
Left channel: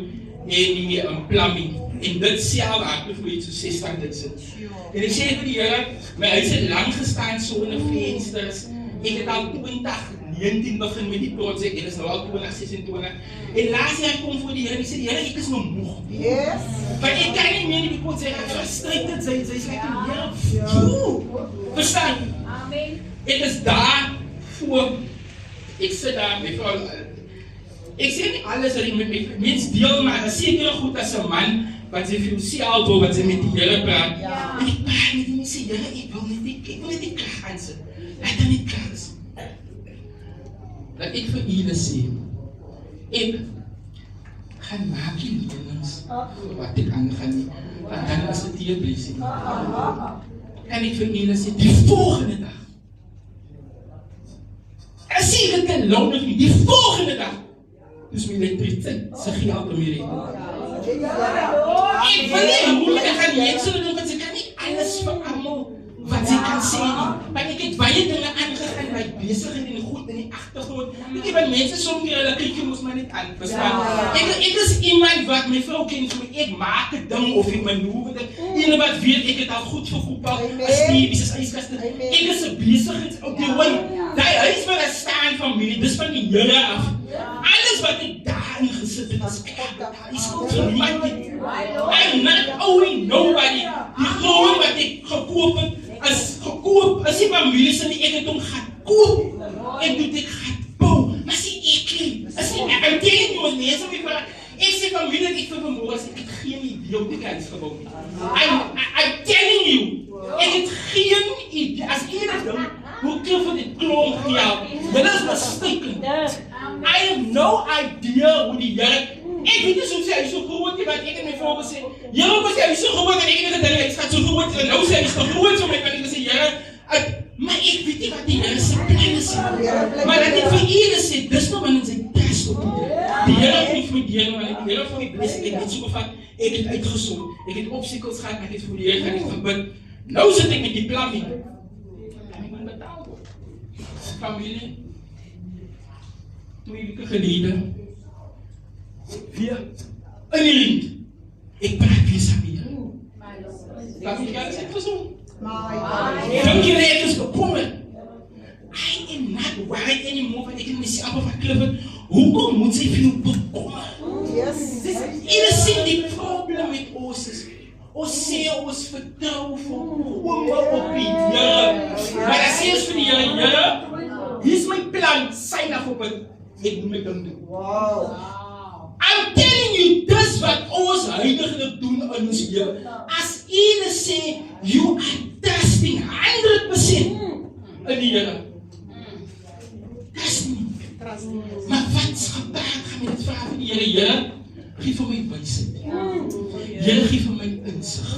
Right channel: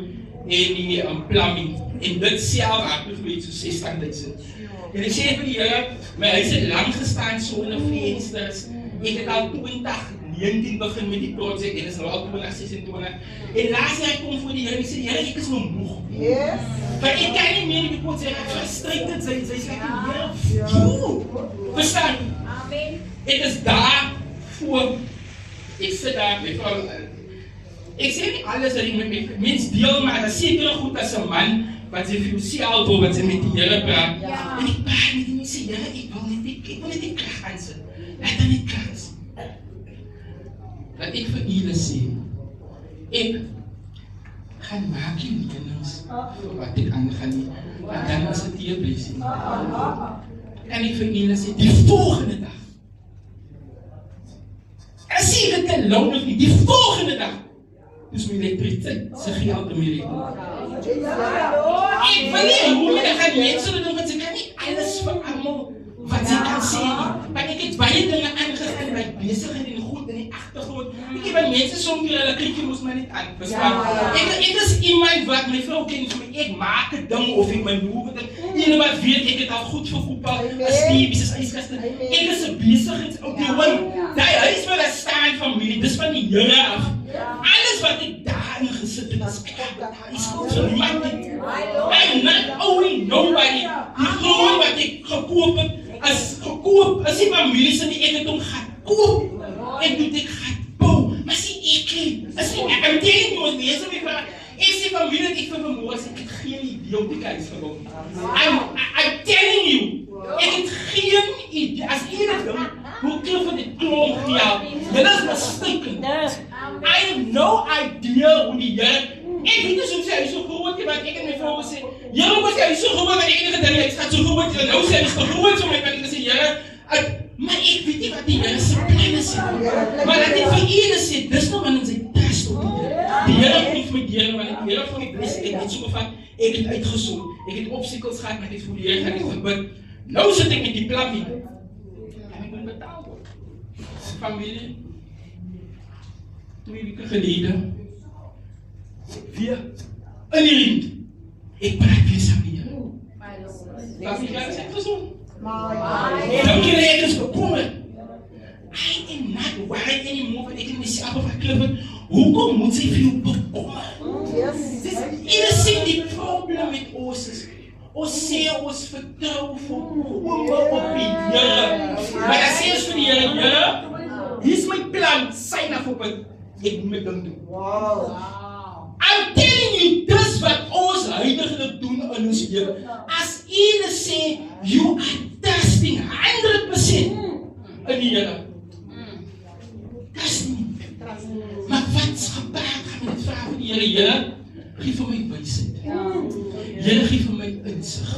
en die plumbing. En dit self raak vir iets so 60.000. En ek sê vir die Here, my huis het lang gestaan so in 'n vensters. Ek het al 2019 begin met die projek en is nou al 2026. En laatst jaar kom voor die Here en ek sê, Here, ek is nou moeg. Yes. Maar ek kan nie meer die projek frustrated, sy is like, Here, verstaan? Amen. Ek is daar voor, ek sit daar met vrou, ek sê nie alles wat ek met mens deel, maar dat sekere goed as 'n man, wat sy filosofiaal door, wat sy met die Here praat. En ek praat met die mense, Here, ek wil net die krag aansit. Laat dan nie krag is. Dat ek vir julle sê, ek gaan maak die lenings, wat ek aangaan nie, en dan is het hier blessing. En ek vir julle sê, die volgende dag, as jy dit kan loon of nie, die volgende dag, dus my elektrisiteit, sy geld om hier ek wil nie hoe jy gaan die mense doen, want sy kan nie alles vir allemaal wat sy kan sê nie. Maar ek het baie dinge aangegaan, by bezig en goed in die achtergrond. Ek het van mense soms hulle kyk jy ons maar net aan, verstaan? Ek is iemand wat my vrou ken vir my, ek maak het ding of ek my loer ding. Iemand wat weet, ek het al goed verkoopal, as die bies, as ijskaste. Ek is een bezig, op die win. Die huis waar ek staan familie, dis van die Here af. Alles wat ek daarin gesit het, as ek is goed vir niemand nie. I'm not owing nobody. Die grond wat ek gekoop het, as die familie sê nie, ek het hom gaan koop. En doet ek gaan bou. Maar sê ek nie. I'm telling you, mense my vraag. Ek sê familie, ek vir vanmorgen sê, ek het geen idee om die huis gebouw nie. I'm telling you, ek het geen idee. As enig ding, hoe klop van die klomp gejaag. Dit is mistaken. I have no idea hoe die Here. Ek weet nie soms hy so groot nie, want ek het my vrou gesê, Here, was hy so groot, want enige ding, ek gaat so groot, en nou sê hy is te groot, so my kan ek gesê, Here, maar ek weet nie wat die Here sy planne sê, maar dat ek vir julle sê, dis nou in sy trust op die Here. Die Here kom vir my deur, maar die Here vir my blessing, ek het so gevat, ek het uitgesond, ek het obstacles gehad, ek het vir die Here gaan, ek het gebid, nou sit ek met die plan nie, en ek moet betaal word. Familie, 2 weke gelede, weer in die rind, ek praat weer saam met jou. Familie, is ek gezond? Dankie, ek is bekommerd. I am not worried anymore, want ek het myself verklippen, hoekom moet sy veel bekommerd? Ieder sê die probleem met ons is, ons sê ons vertrouw volkomen op die Here. Maar dan sê ons vir die Here, hier is my plan, sign af op het, ek moet my ding doen. I'm telling you, dis wat ons huidiglik doen in ons lewe. As julle sê, you are trusting 100% in die Here. Dis nie. Maar wat is gepraat, gaan my dit vraag van die Here, Here, gee vir my wysheid. Here, gee vir my insig.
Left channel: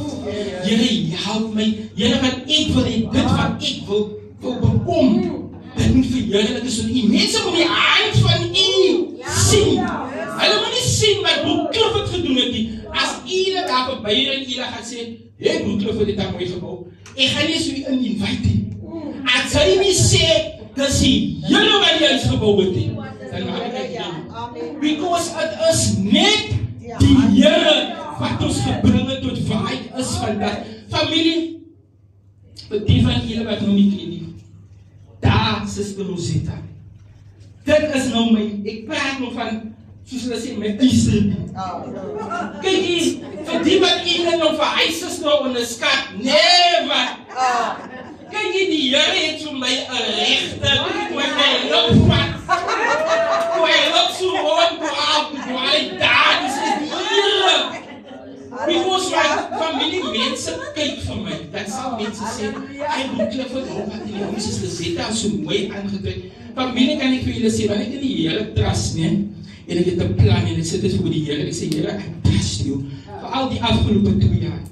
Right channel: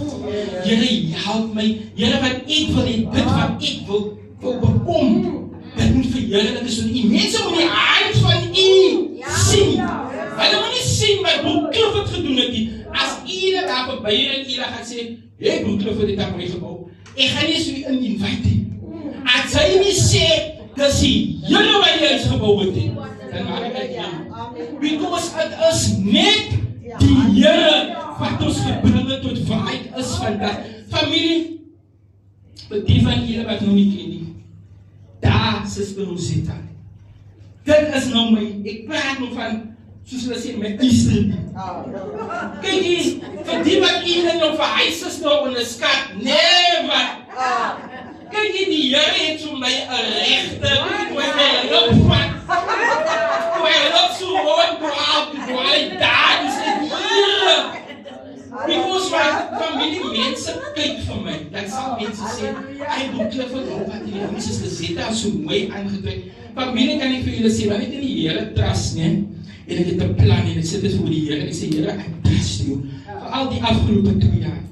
Here, help my. Here, wat ek wil hê, dit wat ek wil bekom, dit moet vir Here, dit is van u. Mense moet die hand van u sien. Hulle moet nie sien wat Broek Kloof het gedoen het nie. As julle daar verby en julle gaan sê, hey, Broek Kloof het dit aan my gebou. Ek gaan nie so in invite nie. As hy nie sê, dis die Here wat die huis gebou het nie. Dan maak ek nie. Because het is net die Here wat ons gebring het tot waar ek is vandag. Familie, vir die van julle wat nou nie ken nie. Daar, Suster Rosetta. Dit is nou my, ek praat nog van soos hulle sê, my Easter. Kyk hier, vir die wat iemand nou verhuis is nou in die skat, never. Kyk hier, die Here het so my rechter, toe hy my lip vat, toe hy lip so rond, toe hy daar, dis die Here. Because wat familie mense kyk vir my, dan sal mense sê, hy moet Clifford op wat die huis is Rosetta so mooi aangedruk. Familie kan ek vir julle sê, want ek in die Here trust, nee, en ek het 'n plan en ek sit dit voor die Here en ek sê, Here, I trust you. Vir al die afgelope 2 jaar.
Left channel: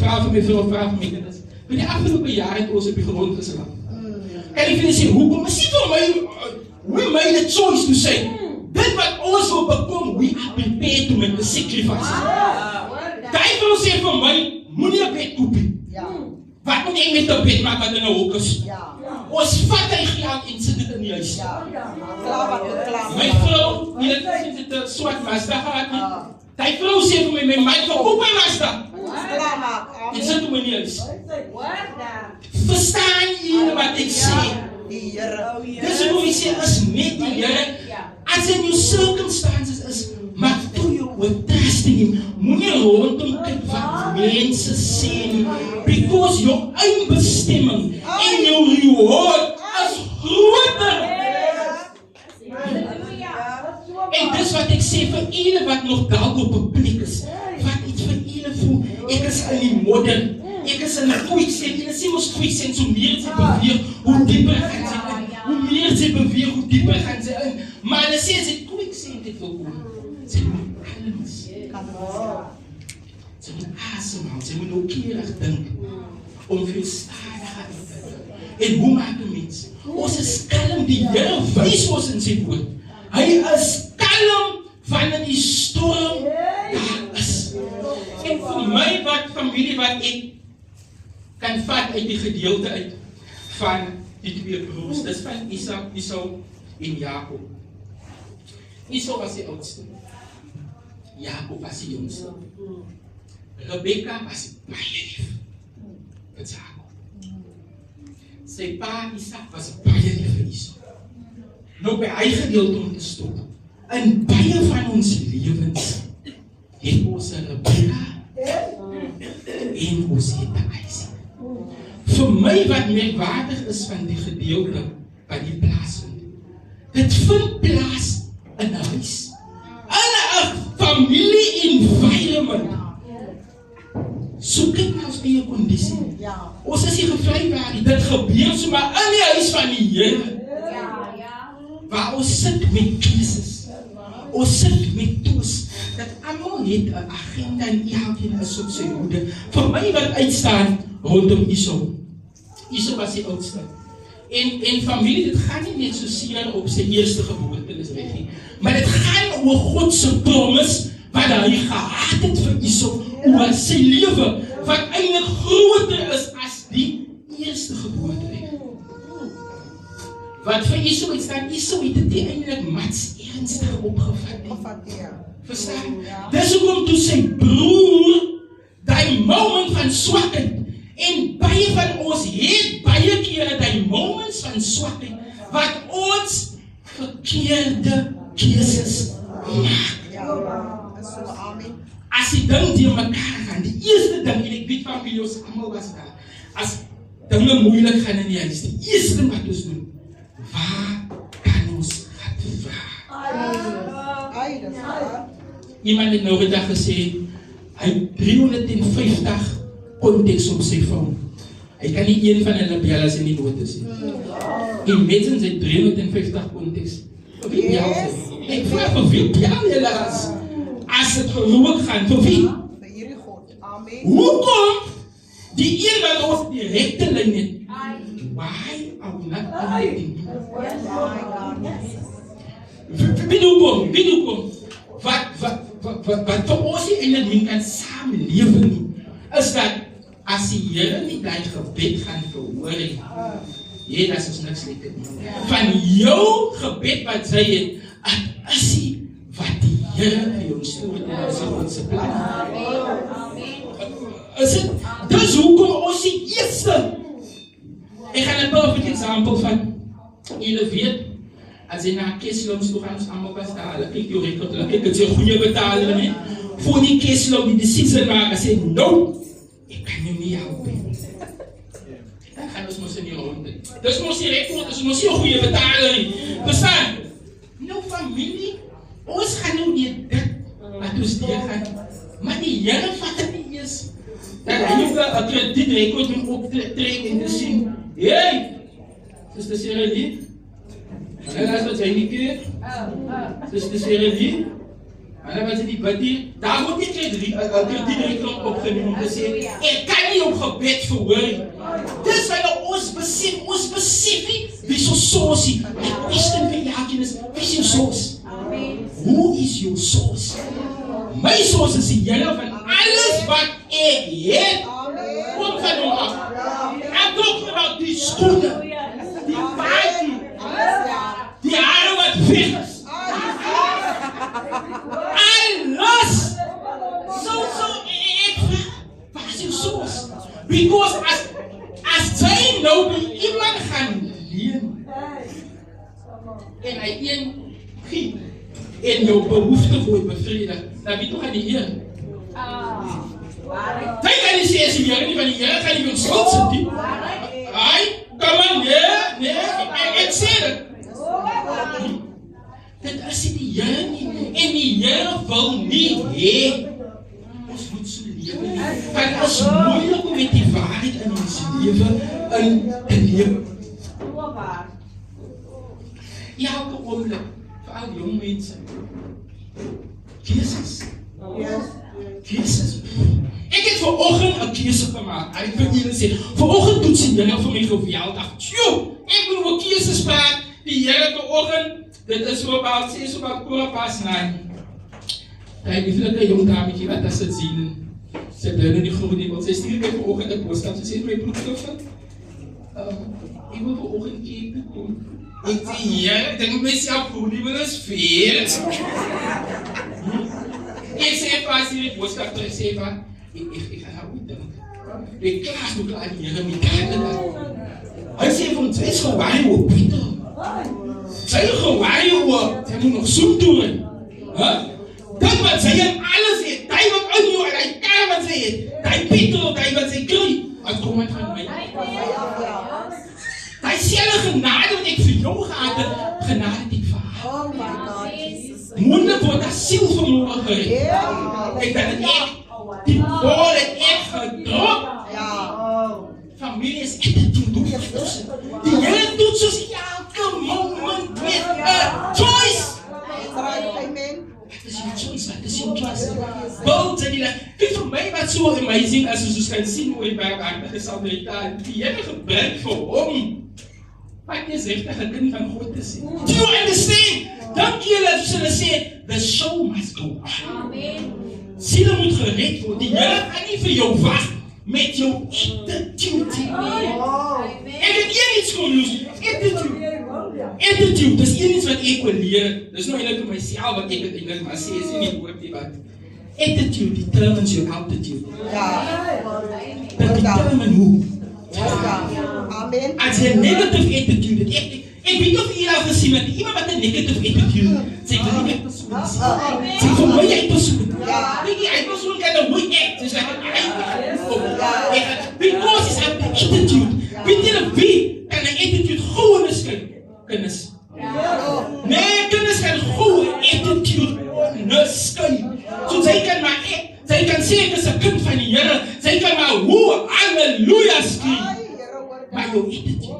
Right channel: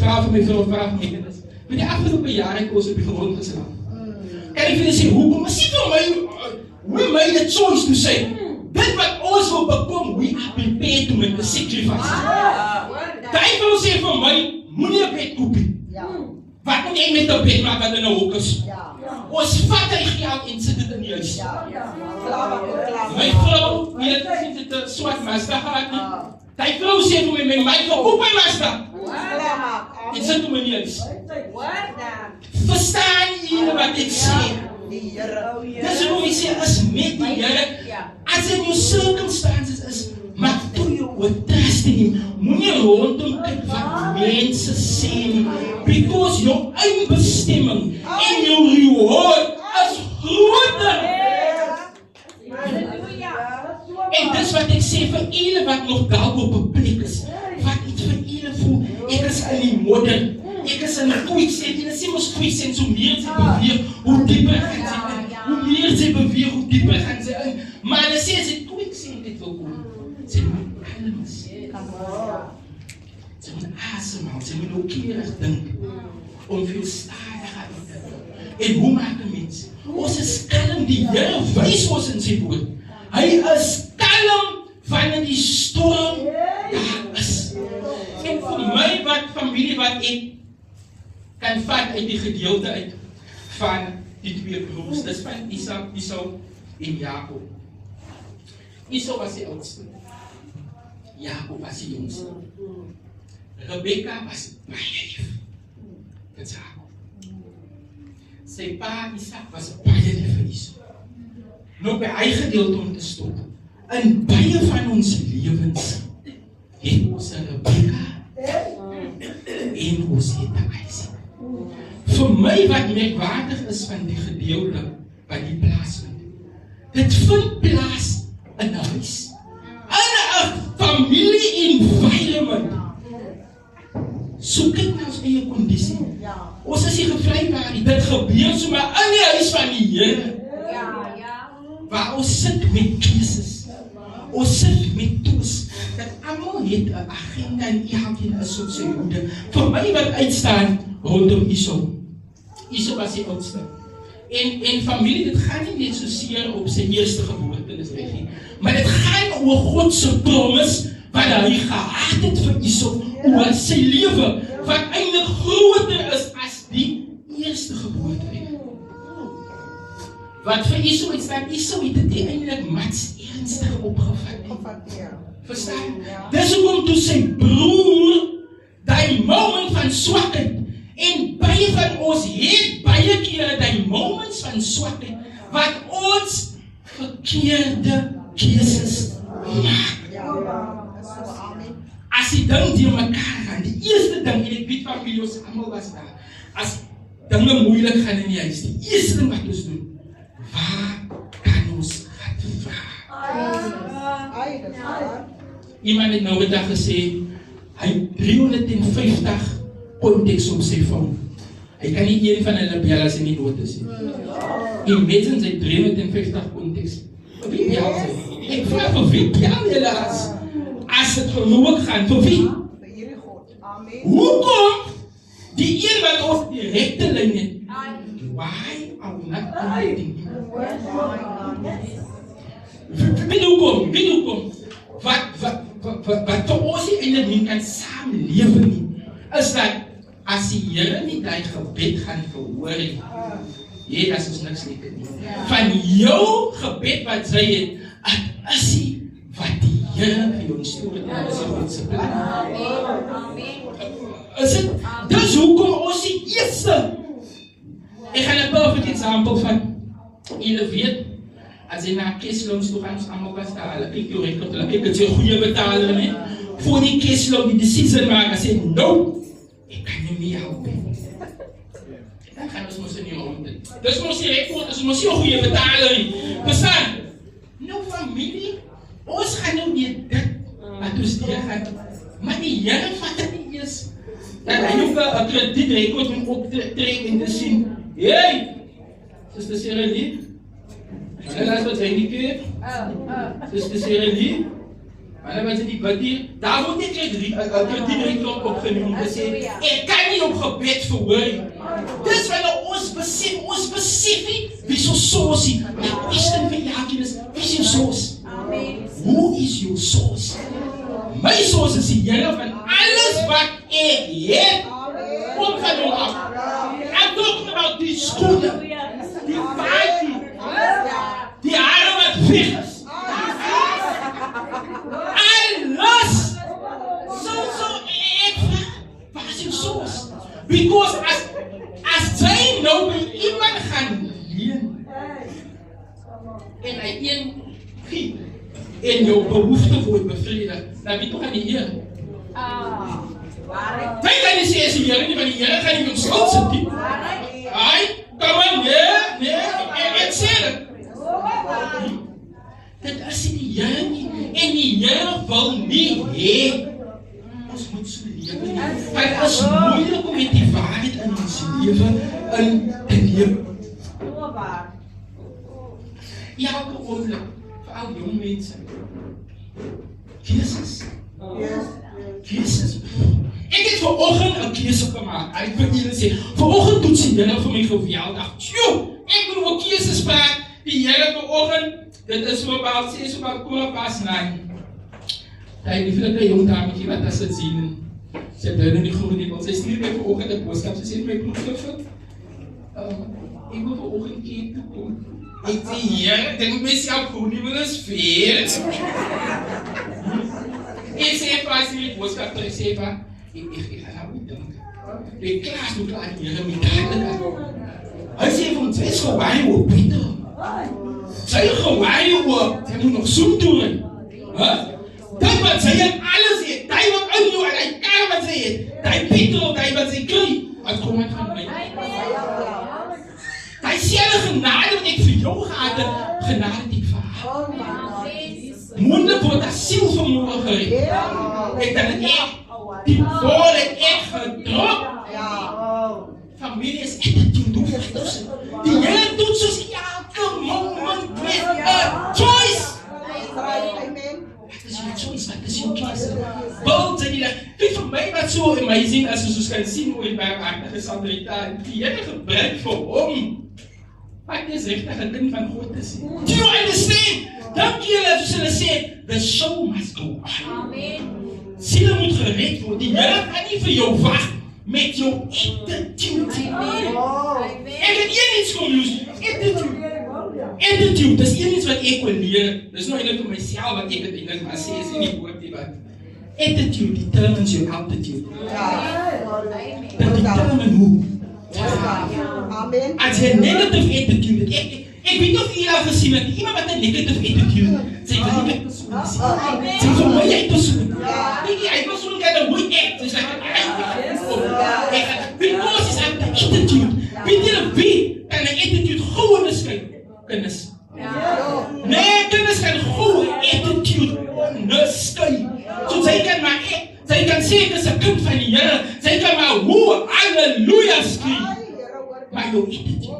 Vra vir my vrou, vra vir my kinders. Vir die afgelope jaar het ons op die grond geslaap. Kan ek vir julle sê, hoekom? Maar sê vir my, we made a choice to say, dit wat ons wil bekom, we are prepared to make the sacrifice. Die vrou sê vir my, moenie 'n bed koop nie. Wat moet ek met 'n bed maak wat in 'n hok is? Ons vat hy geld en sit dit in die huis. My vrou, die het dit 'n swart Mazda gehad nie. Die vrou sê vir my, my vrou, koop my Mazda. En sit hom in die huis. Verstaan jy vrienden wat ik zie. Dus hoe ik zeg, als met die Heer, als in je circumstances is, maar doe je wat trust in Him. Moet je rondom kijken wat mensen zien. Because jouw eindbestemming en jouw reward is groter. En dis wat ek sê vir julle wat nog dalk op 'n plek is. Wat iets vir julle voel. Ek is in die modder. Ek is in 'n quicksand. Julle sê mos quicksand, so meer jy beweeg, hoe dieper gaan jy in. Hoe meer jy beweeg, hoe dieper gaan jy in. Maar hulle sê as jy quicksand het wil kom, sê jy moet kalms. Jy moet asemhaal, jy moet ook keurig dink. Om veel stadiger te doen. En hoe maak 'n mens? Ons is kalm, die Here wys ons in sy woord. Hy is kalm wanneer die storm daar is. En vir my wat familie wat ek kan vat uit die gedeelte uit van die twee broers, dis van Esau en Jakob. Esau was die oudste. Jakob was die jongste. Rebekka was baie lief vir Jakob. Sy pa Isak was baie lief vir Esau. Nou by hy gedeelte om te stop. In baie van ons lewens het ons 'n Rebekka en ons het 'n Isak. Vir my wat merkwaardig is van die gedeelte by die plaas vind. Dit vind plaas in 'n huis. In 'n familie environment. So kyk na ons eie kondisie. Ons is nie gevlei waar dit gebeur sommer in die huis van die Here. Waar ons sit met keuses. Ons sit met toes. Dat almal het 'n agenda en elkeen is op sy hoede. Vir my wat uitstaan rondom Esau. Esau was die oudste. En familie, dit gaan nie net so seer op sy eerste geboorte is reg nie. Maar dit gaan oor God se promise wat hy gehad het vir Esau oor sy lewe wat eintlik groter is as die eerste geboorte. Wat vir Esau is dat Esau het dit eintlik mats ernstig opgevat nie. Verstaan? Dis hoekom toe sy broer daai moment van swakheid en baie van ons het baie kere daai moments van swakheid wat ons verkeerde keuses maak. As die ding die mekaar gaan, die eerste ding, en ek weet van wie ons almal was daar, as dinge moeilik gaan in die huis, die eerste ding wat ons doen, waar kan ons gaan vraag? Iemand het nou die dag gesê, hy 350 konteks op sy phone. Hy kan nie een van hulle bel as hy nie dood is. Imagine sy 350 konteks. Vir wie bel sy? Ek vraag vir wie bel julle as het geloof gaan, vir wie? Hoekom? Die een wat ons direkte lyn het. Why are we not connecting? Wie hoekom? Wat vir ons nie eintlik kan saamlewe nie, is dat as die Here nie daai gebed gaan verhoor nie, dat is niks lekker nie. Van jou gebed wat sy het, is die wat die Here vir jou stuur en sy God se plan. Is dit? Dis hoekom ons die eerste. Ek gaan 'n perfect example van julle weet. As jy na Kesloms toe gaan, ons allemaal was daar, hulle kyk jou rekord, hulle kyk, het jy 'n goeie betaler, nie? Voor die Keslom die decision maak, as jy, no, ek kan jou nie help, dan gaan ons mos in jou rond. Dus mos die rekord, is mos nie 'n goeie betaler, nie. Verstaan? Nou familie, ons gaan nou nie dit, wat ons deur gaan, maar die Here vat dit nie eers, dat hy ook 'n kredietrekord moet optrek en te sien, hey, Sister Seralie, hulle is wat sy nie keer, Sister Seralie, hulle wat sy die bid hier, daar moet nie kredietrekord opgeneem om te sê, ek kan nie op gebed verhoor. Dis wanneer ons besef nie, wie so soos nie, die question vir jaakie is, wie is jou soos? Who is your source? My source is die Here van alles wat ek het, kom van hom af. I'm talking about die skoene, die baie, die hare wat weg is. Alles. So ek vraag, wat is jou source? Because as As jy nou by iemand gaan leen, en hy een giet, en jou behoefte word bevredig, dan weet toch aan die Heer. Hy kan nie sê as die Heer nie, want die Heer gaan nie jou skuld sit nie. Hy, kom maar, nee, ek sê dit. Dit is die Heer nie, en die Heer wil nie hê, ons moet so lewe nie. Het is moeilik om met die waarheid in ons lewe in te lewe. Elke oomblik, veral jong mense, keuses. Ek het vanoggend 'n keuse gemaak. Ek wil julle sê, vanoggend doen sy dinge vir my geweldig. Ek moet oor keuses praat. Die Here vanoggend, dit is so about 9:15. Daai lieflike jong dametjie wat as dit sien, sy bly in die groen nie, want sy stuur my vanoggend 'n boodskap. Sy sê my broer, ek wil vanoggend Cape toe kom. Ek sê, ja, ek dink myself groen nie, wil is veel. Ek sê vir sy die boodskap terug, sê vir, ek gaan nou dink. Ek klaas nog aan die Here met hulle. Hy sê vir ons, sy is gewaai oor Pieter. Sy is gewaai oor, sy moet nog soen doen. Dit wat sy in alles het, die wat in jou en die kar wat sy het, die Pieter, die wat sy kry, het kom uit van my. Die selfe genade wat ek vir jou gehad het, genade die vir haar. Moeilijk wordt dat zielvermogen gered. Ik denk dat echt, die woorden echt gedropt. Familie is echt een toedoen. Die Heer doet zoals elke moment met een choice. Wat is je choice? Both zijn die vind voor mij wat zo amazing als je zo kan zien hoe je bij elkaar gesalderd. Die Heer gebruikt voor om. Wat is echt een kind van God te zien. Do you understand? Dank je dat we zullen zeggen, the show must go on. Zielen moet gered worden. Die Heer gaat niet voor jou wachten met jouw attitude. En het is iets conclusie. Attitude, dat is iets wat ik wil leren. Dat is nog niet voor mijzelf wat ik het Engels maar zeg. Het is niet woord die wat. Attitude determines your altitude. Dat determines hoe. Als je negatieve attitude hebt, ik weet niet of je al gezien hebt, iemand met een negatieve attitude, zijn voor mij persoon. Zijn voor mij persoon. Weet je, hij persoon kan een goed act, dus hij kan because he's have the attitude. Weet je wie kan een attitude gewoon is kennis? Nee, kennis kan gewoon attitude onderscheiden. Zo zij kan maar echt, zij kan zeggen dat ze kind van die Heer, zij kan maar hoe halleluja schreeuwen. Maar jouw attitude.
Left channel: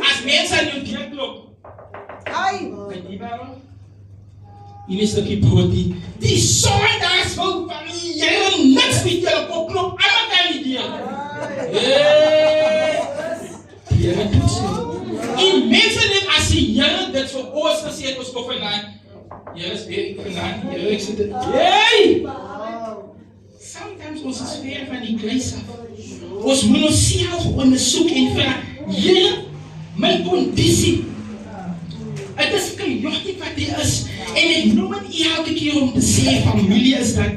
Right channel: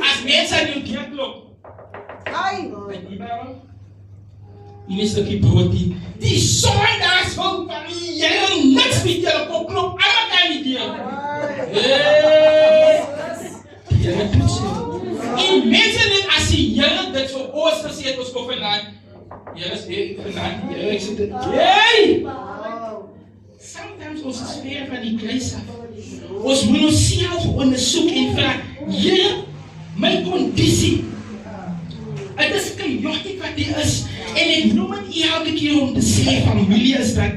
Als mensen aan jou diaklok. Weet je waarom? In een stukje brood die zondags wil van die Heer niks met je op klok. Allemaal kan niet dienen. Die Heer doet zo. En mensen niet als die Heer dit voor ons gezegd was voor vandaag. Heer is weer vandaag. Heer is het. Hey! Sometimes ons sfeer van die kruis af. Ons moet onszelf onderzoek en vragen. Heer, mijn conditie. Het is chaotisch wat die is. En ik noem het elke keer om te zeggen, familie, is dat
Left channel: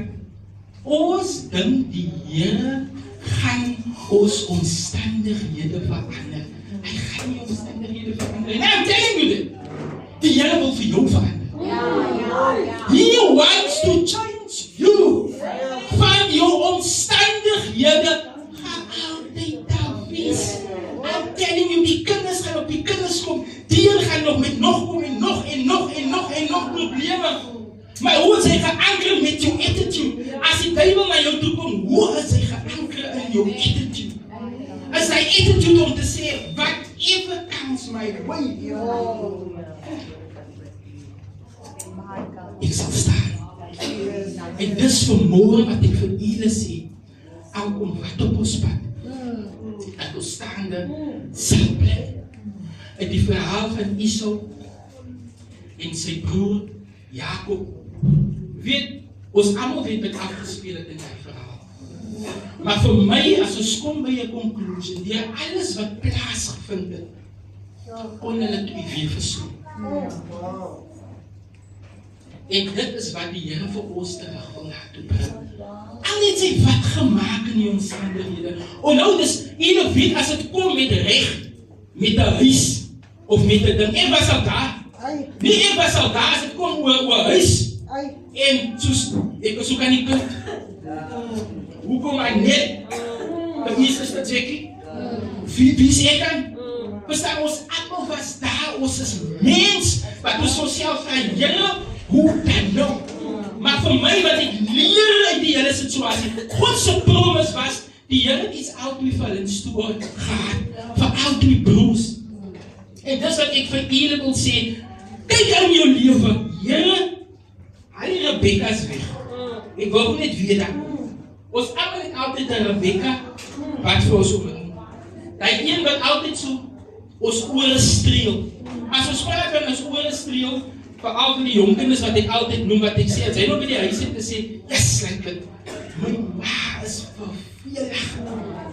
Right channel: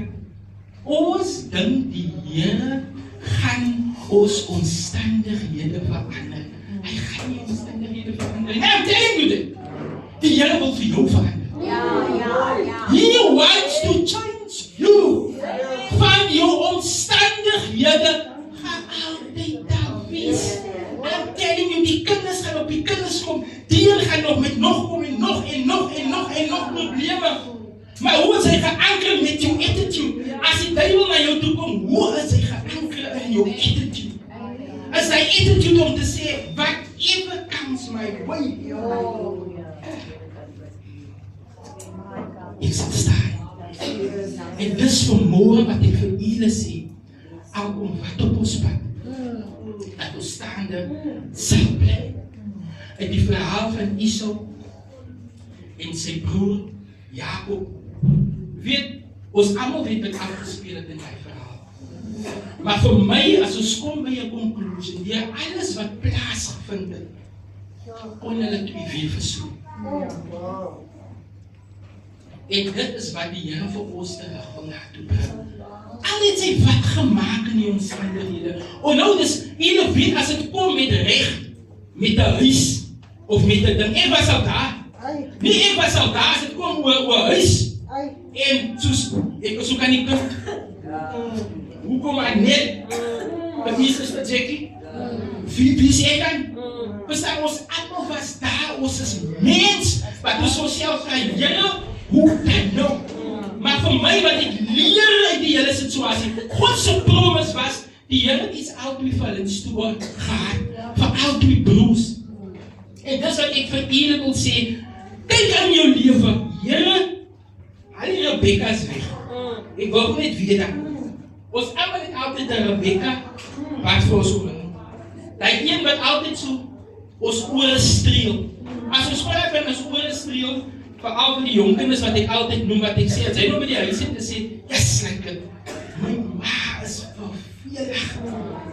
ons ding die Heer gaan ons omstandigheden veranderen. Hij gaat die omstandigheden veranderen. Nou, I'm telling you dit. Die Heer wil voor jou veranderen. He wants to change you. Van jou omstandigheden gaan altijd daar wees. I'm telling you, die kinders gaan op die kinders komen. Die gaan nog met nog komen, nog problemen. Maar hoe is hij geankerd met jouw attitude? Als die duivel naar jou toe komt, hoe is hij geankerd in jouw attitude? Is zijn attitude om te zeggen, whatever comes my way. Ik zal staan. En dus vanmorgen wat ik voor jullie zie, ook om wat op ons pad. Dat we staande zal blijven. En die verhaal van Esau en zijn broer Jacob. Weet, ons allemaal weet wat afgespeeld in dat verhaal. Maar voor mij, als we komen bij een conclusie, die alles wat plaatsgevonden heeft, kon je het weer verzoeken. En dit is wat die Here vir ons terug wil laat doen. Al het sy wat gemaak in die omstandighede. En nou dis, jy weet as het kom met reg, met 'n huis, of met 'n ding, ek was al daar. Nie ek was al daar, as het kom oor huis. En soos, ek was ook aan die punt. Hoe kom hy net? Wat is dit, Jackie? Wie is ek dan? Bestaan ons allemaal was daar, ons is mens, wat ons sosiaal vraag, Here, hoe dan nou? Maar vir my wat ek leer uit die hele situasie, God se promise was, die Here is altyd vir hulle stoor gehad, vir altyd broers. En dis wat ek vir julle wil sê, kyk aan jou lewe, Here, al die Rebekka's weg. Ek wil net weet dat. Ons allemaal het altyd een Rebekka, wat vir ons oor. Die een wat altyd so, ons oor streel. As ons praat van ons oor streel, veral van die jonkinders wat ek altyd noem, wat ek sê, as hy nog by die huis het te sê, yes, like my ma is vervelig.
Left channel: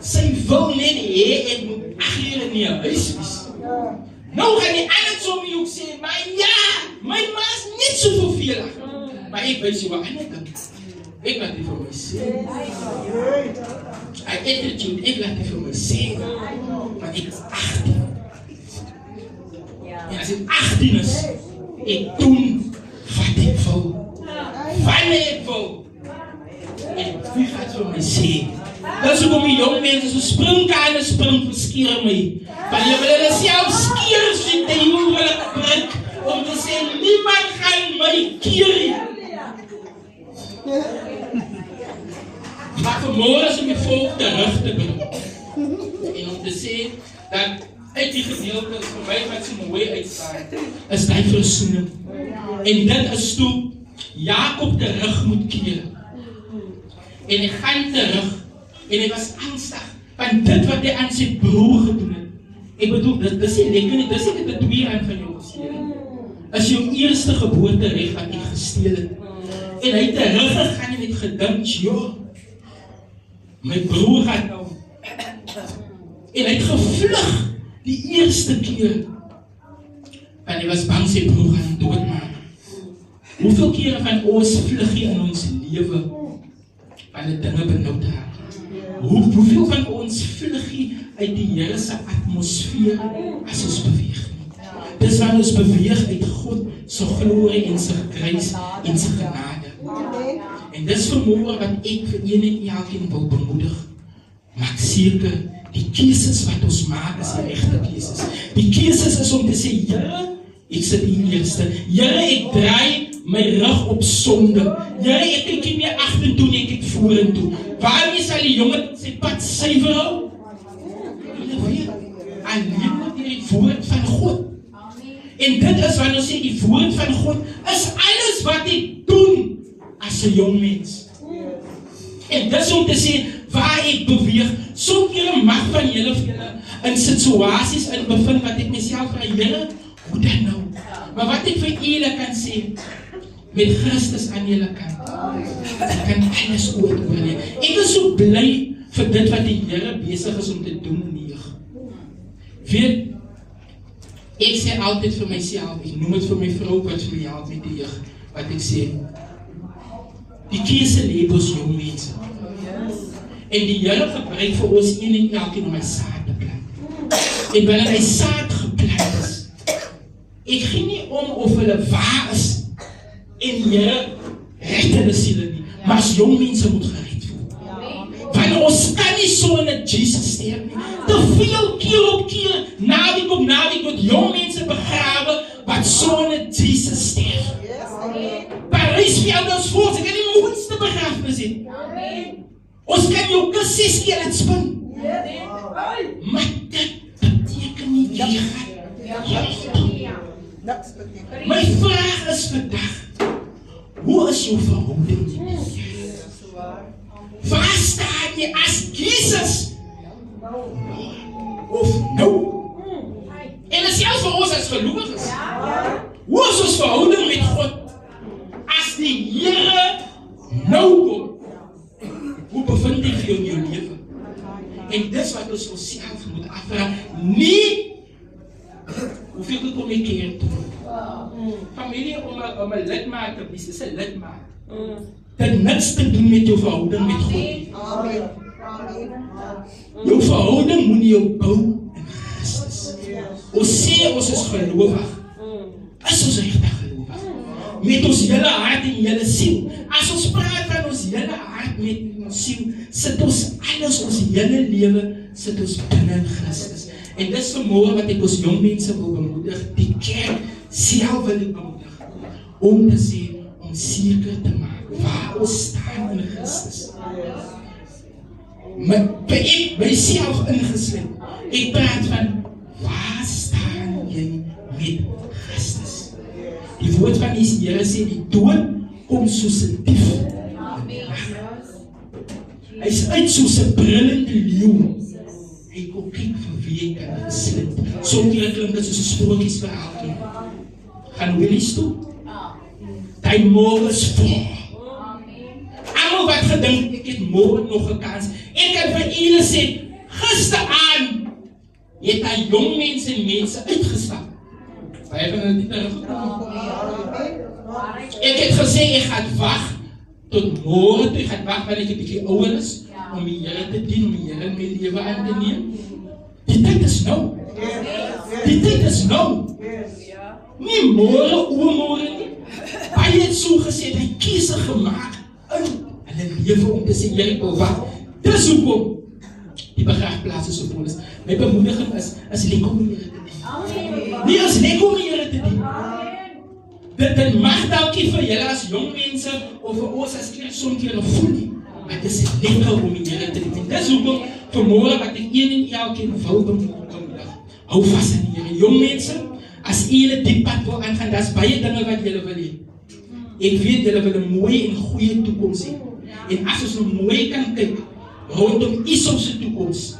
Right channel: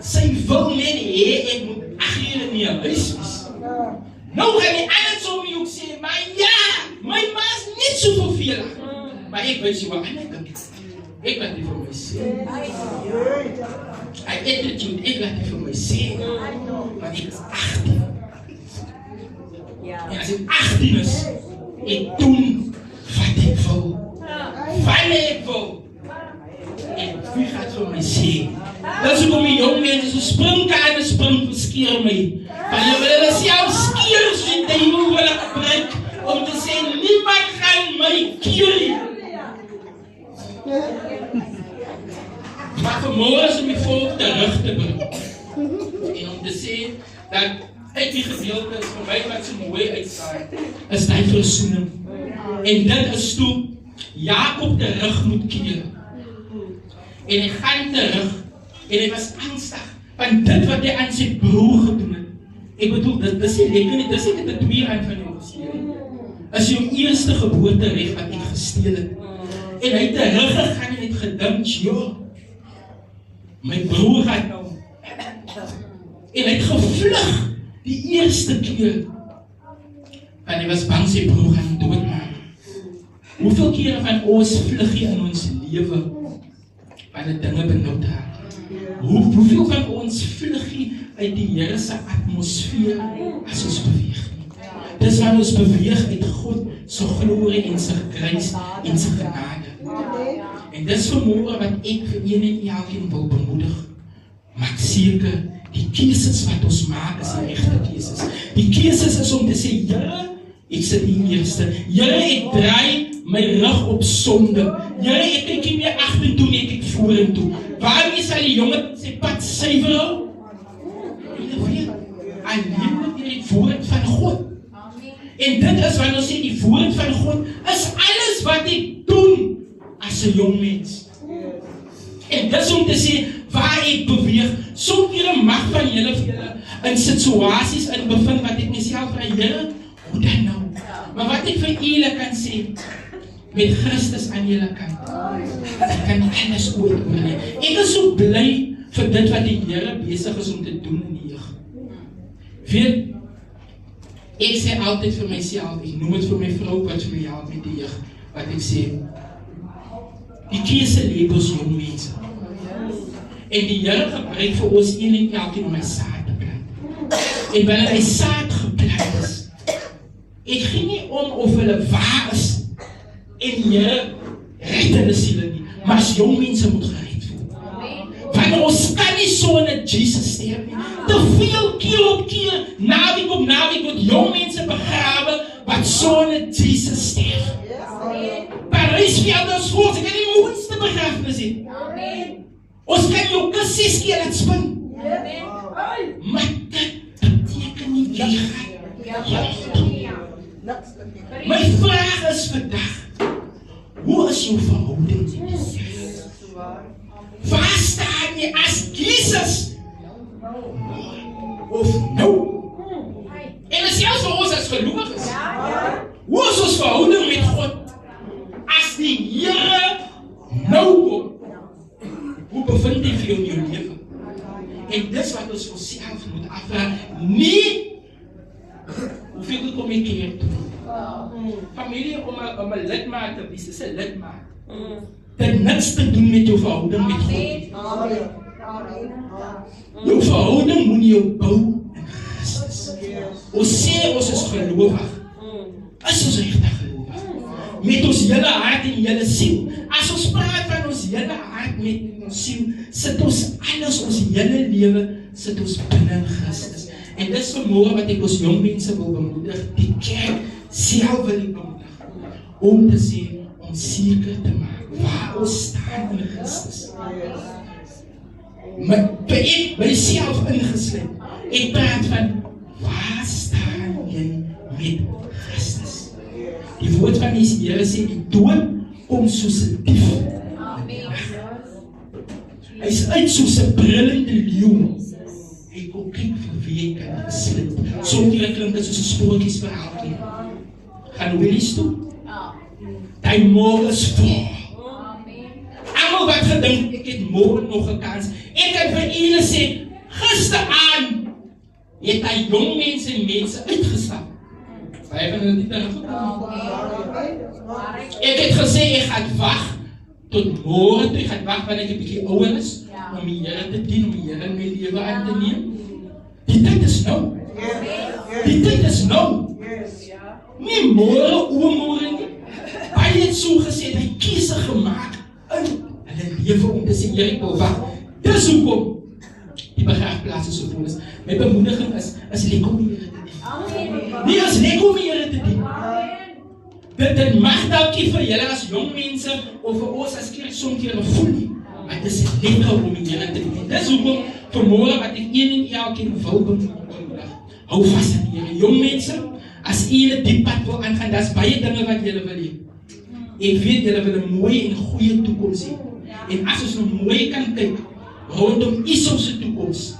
Sy wil net hê, ek moet 8 uur in die huis wees. Nou gaan die ander so my ook sê, maar ja, my ma is net so vervelig. Maar ek weet jy wat ander dink. Ek laat die vir my sê. Ek attitude, ek laat die vir my sê. Want ek is 18. En as ek 18 is, ek doen wat ek wil. Wanneer ek wil. En wie gaat vir my sê? Dat is ook om die jong mense, so springkaan en spring verskeer my. Want jy wil hulle self skeer, so die duivel wil hulle gebruik, om te sê, niemand gaan my keer. Maar vanmorgen is om die volk terug te brengen. En om te sê, dat uit die gedeelte is vir my wat so mooi uitstaan, is die versoening. En dit is toe, Jakob terug moet keer. En hy gaan terug, en hy was angstig, van dit wat hy aan sy broer gedoen het. Ek bedoel, dit is nie lekker nie, dit is nie die 2 aan van jou gesteel. As jou eerste geboorterecht wat ek gesteel het. En hy het teruggegaan en het gedink, joh, my broer gaat nou. En hy het gevlug die eerste keer. Want hy was bang sy broer gaan doodmaak. Hoeveel keer van ons vlug jy in ons lewe, wanneer dinge benoud raak? Hoeveel van ons vlug jy uit die Here se atmosfeer as ons beweeg nie? Dis wanneer ons beweeg uit God se glorie en sy grys en sy genade. En dis vanmorgen wat ek vir een en elkeen wil bemoedig. Maak seker, die keuses wat ons maak is die regte keuses. Die keuses is om te sê, Here, ek sit die eerste. Here, ek draai my rug op sonde. Here, ek kyk nie meer agtertoe nie, ek kyk vorentoe. Waarmee sal die jongen sy pad suiwer hou? Alleen met die woord van God. En dit is wanneer ons sê, die woord van God is alles wat ek doen as 'n jong mens. En dis om te sê, waar ek beweeg, soms julle mag van julle vir julle in situasies in bevind wat ek myself vraag, Here, hoe dan nou? Maar wat ek vir julle kan sê, met Christus aan julle kant, ek kan alles ooit oorneem. Ek is so bly vir dit wat die Here besig is om te doen in die jeug. Weet, ek sê altyd vir myself, ek noem het vir my vrou wat vir my help met die jeug, wat ek sê, die keuse lê by ons jong mense. En die Here gebruik vir ons een en elkeen om hy saad te plant. En wanneer hy saad geplant is, ek gee nie om of hulle waar is, en die Here red hulle siele nie, maar as jong mense moet gered word. Want ons kan nie so in 'n Jesus sterf nie. Te veel keer op keer, naweek op naweek, word jong mense begrawe, wat so in 'n Jesus sterf. Parijsveld is voor, ek weet nie hoe iets te begrafenis het. Ons kan jou kus 6 keer laat spin. Maar dit beteken nie jy gaan. My vraag is vandag, hoe is jou verhouding? Waar staan jy as Jesus? Of nou? En is selfs vir ons as gelowiges. Hoe is ons verhouding met God? As die Here nou kom, hoe bevind jy vir in jou lewe? En dis wat ons self moet afvraag, nie hoeveel kom jy keer toe, Familie om 'n lidmaat te wees, is 'n lidmaat. Dit niks te doen met jou verhouding met God. Jou verhouding moet jou bou in Christus. Ons sê ons is gelowig. Is ons regtig gelowig? Met ons hele hart en hele siel. As ons praat van ons hele hart met ons siel, sit ons alles, ons hele lewe, sit ons binne in Christus. En dit is vanmôre wat ek ons jong mense wil bemoedig, die kerk self wil ek bemoedig, om te sê, om seker te maak, waar ons staan in Christus. By self ingesluit, ek praat van, waar staan jy met Christus? Die woord van die Here sê, die dood kom soos 'n dief. Hy is uit soos 'n brullende leeu. Hy kom kyk vir wie hy kan gesluit. Sommige klink dit soos 'n sprokiesverhaal. Gaan Willies toe? Die môre is voor. Almal wat gedink, ek het môre nog 'n kans. Ek kan vir julle sê, gisteraan het hy jong mense en mense uitgestap. Baie van hulle het nie gekom. Ek het gesê, ek gaan wag tot môre toe, ek gaan wag wanneer ek 'n bietjie ouer is, om die Here te dien, om die Here in my lewe aan te neem. Die tyd is nou. Die tyd is nou. Nie môre, oormôre nie. Baie het so gesê, hy kies gemaak in hulle lewe om te sê, Here, ek wil wag. Dis hoekom die begraafplaas is so vol is. My bemoediging is lekker om die Here te dien. Nie is lekker om die Here te dien. Dit mag dalk nie vir julle as jong mense of vir ons as kerk soms nog voel nie. Maar dit is lekker om die Here te dien. Dis hoekom vanmôre wat ek een en elkeen wil bemoedig. Hou vas aan die Here. Jong mense, as julle die pad wil aangaan, daar's baie dinge wat julle wil hê. Ek weet julle wil 'n mooi en goeie toekoms hê. En as ons nou mooi kan kyk rondom Esau se toekoms.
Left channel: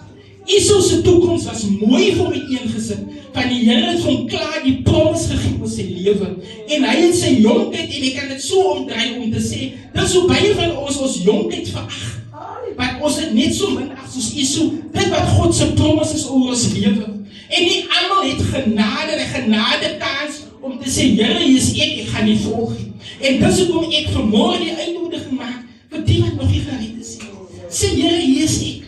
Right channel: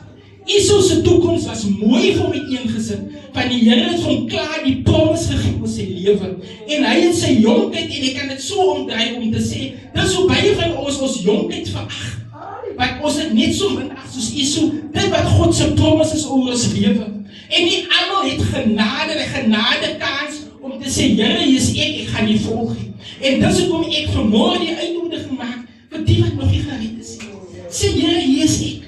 Esau se toekoms was mooi vir my eengesit. Van die Here het hom klaar die promise gegee oor sy lewe. En hy het sy jonkheid, en ek kan dit so omdraai om te sê, dis hoe baie van ons jonkheid verag. Want ons het net so min ag soos Esau, dit wat God se promise is oor ons lewe. En nie almal het genade kans om te sê, Here, hier is ek gaan nie volg nie. En dis hoekom ek vanmôre die uitnodiging maak vir die wat nog nie gered is. Sê, Here, hier is ek.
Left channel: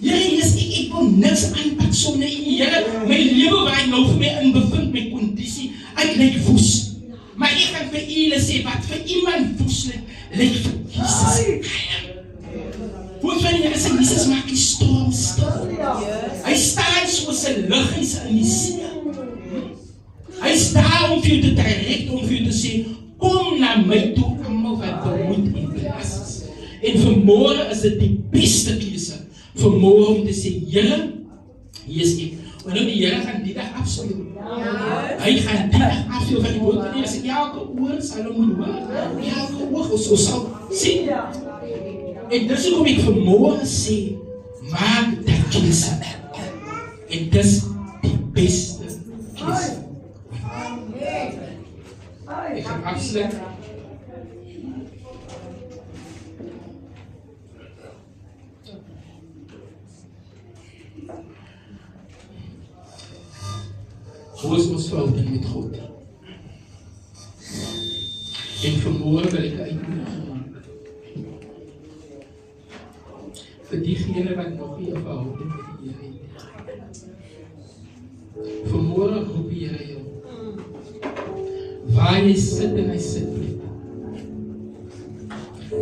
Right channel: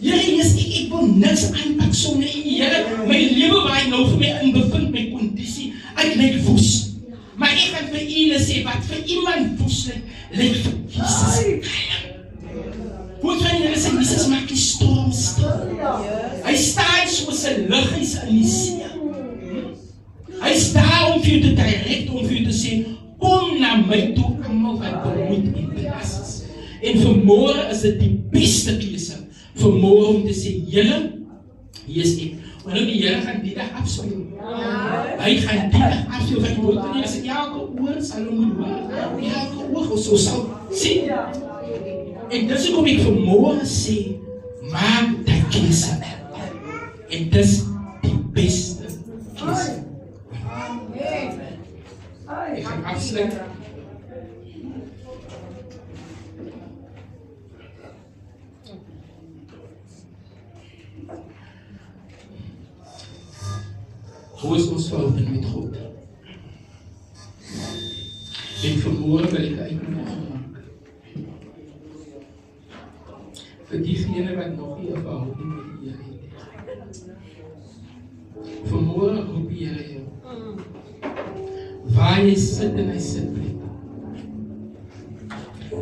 Here, hier is ek wil niks aanpak sonder U. Here, my lewe waar ek nou vir my in bevind, my kondisie, ek lyk woes. Maar ek kan vir julle sê, wat vir iemand woes lyk vir Jesus. Hoe van julle sê, Jesus maak die storm stil. Hy staan soos 'n liggies in die see. Hy staan om vir jou te direk, om vir jou te sê, kom na my toe, almal wat bemoeid en belas is. En vanmôre is dit die beste keuse. Vanmôre om te sê, Here, hier is ek. Want nou die Here gaan die dag afspeel. Hy gaan die dag afspeel van die woord. As ek elke oor sal moet hoor, elke oog so sal sien. En dis hoekom ek vanmôre sê, maak die keuse. En dis die beste keuse. Ek gaan afsluit. Hoe is ons verhouding met God? En vanmôre wil ek uitnodiging maak vir diegene wat nog nie 'n verhouding met die Here het. Vanmôre roep die Here jou. Waar jy sit en hy sit met.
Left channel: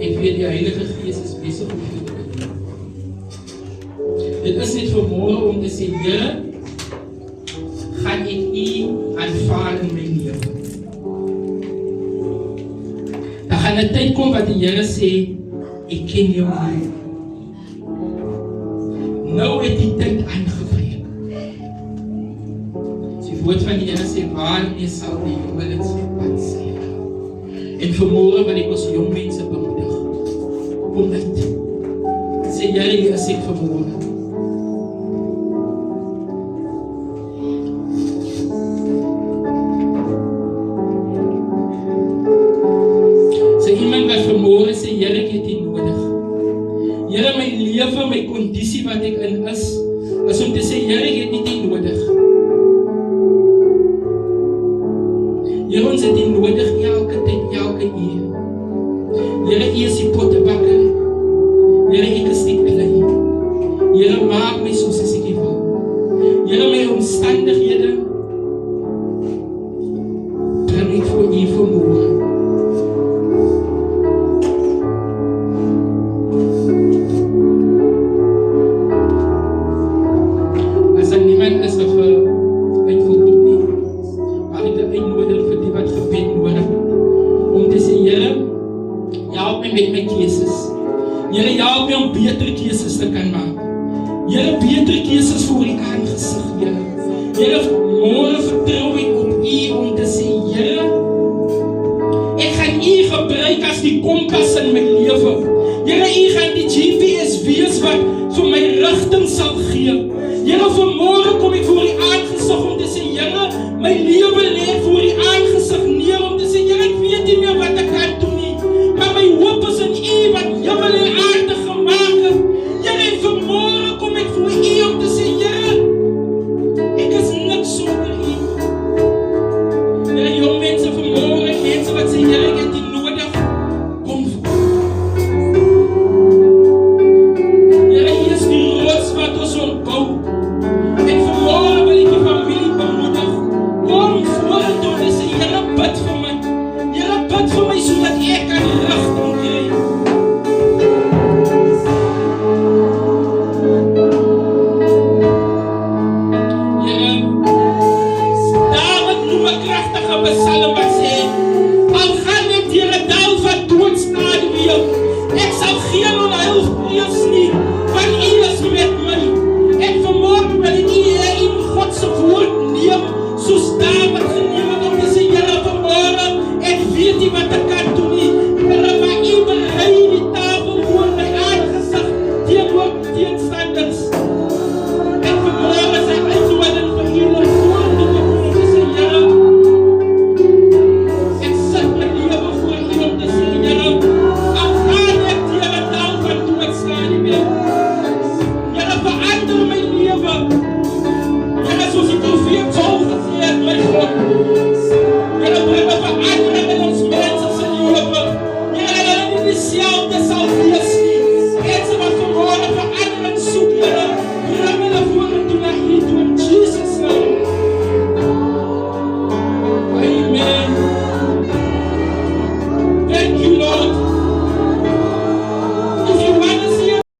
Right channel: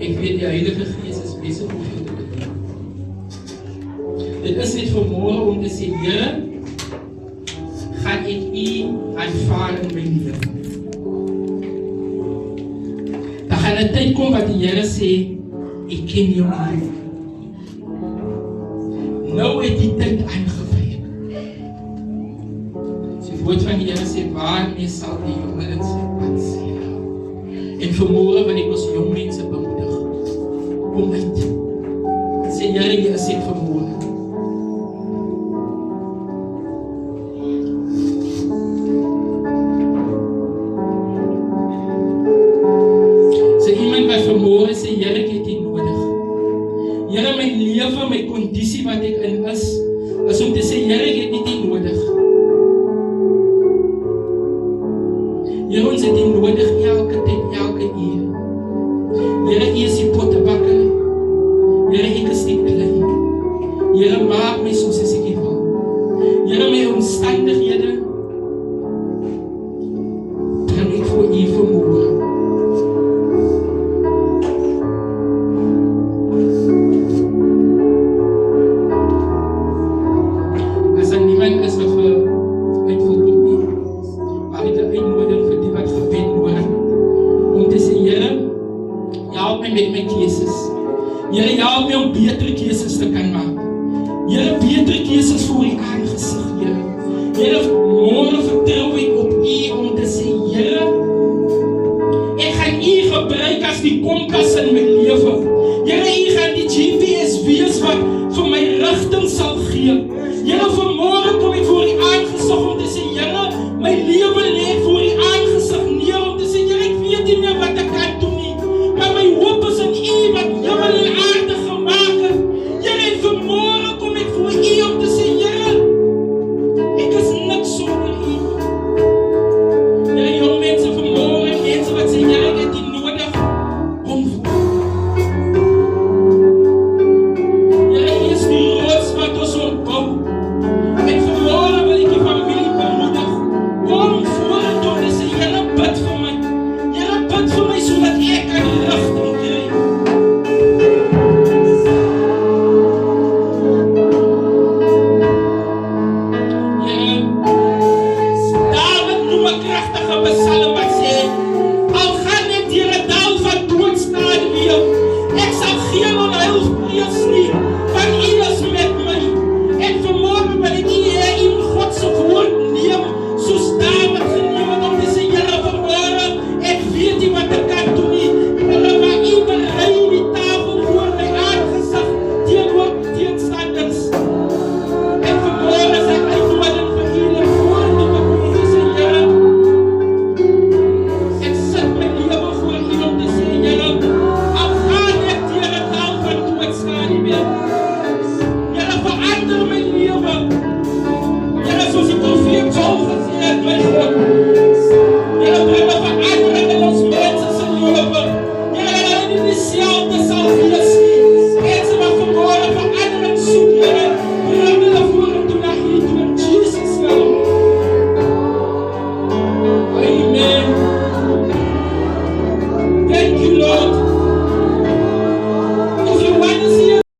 Ek weet die Heilige Gees is besig om jou te doen. Dit is net vanmôre om te sê, Here, gaan ek U aanvaar in my lewe. Daar gaan 'n tyd kom wat die Here sê, ek ken jou nie. Nou het die tyd aangebreek. Die woord van die Here sê, waarmee sal die jongeling sy pad seël? En vanmôre wil ek ons jong mense bemoedig. Kom uit. Sê, Here, hier is ek vanmôre. My kondisie wat ek in is om te sê, Here, ek het nie nodig. Here, ons het die nodig elke tyd, elke uur. Here, U is die pottebakker. Here, ek is die klei. Here, maak my soos as ek wil. Here, my omstandighede bring ek voor U vermoë. As er niemand is of uitvoering nie, maar ek uitnodig vir die wat gebed nodig, om te sê, Here, help my met my keuses. Here, help my om beter keuses te kan maak. Here, beter keuses voor die aangesig, Here. Here, môre vertrou ek op U om te sê, Here, ek gaan U gebruik as die kompas in my lewe. Here, U gaan die GPS wees wat vir my rigting sal gee.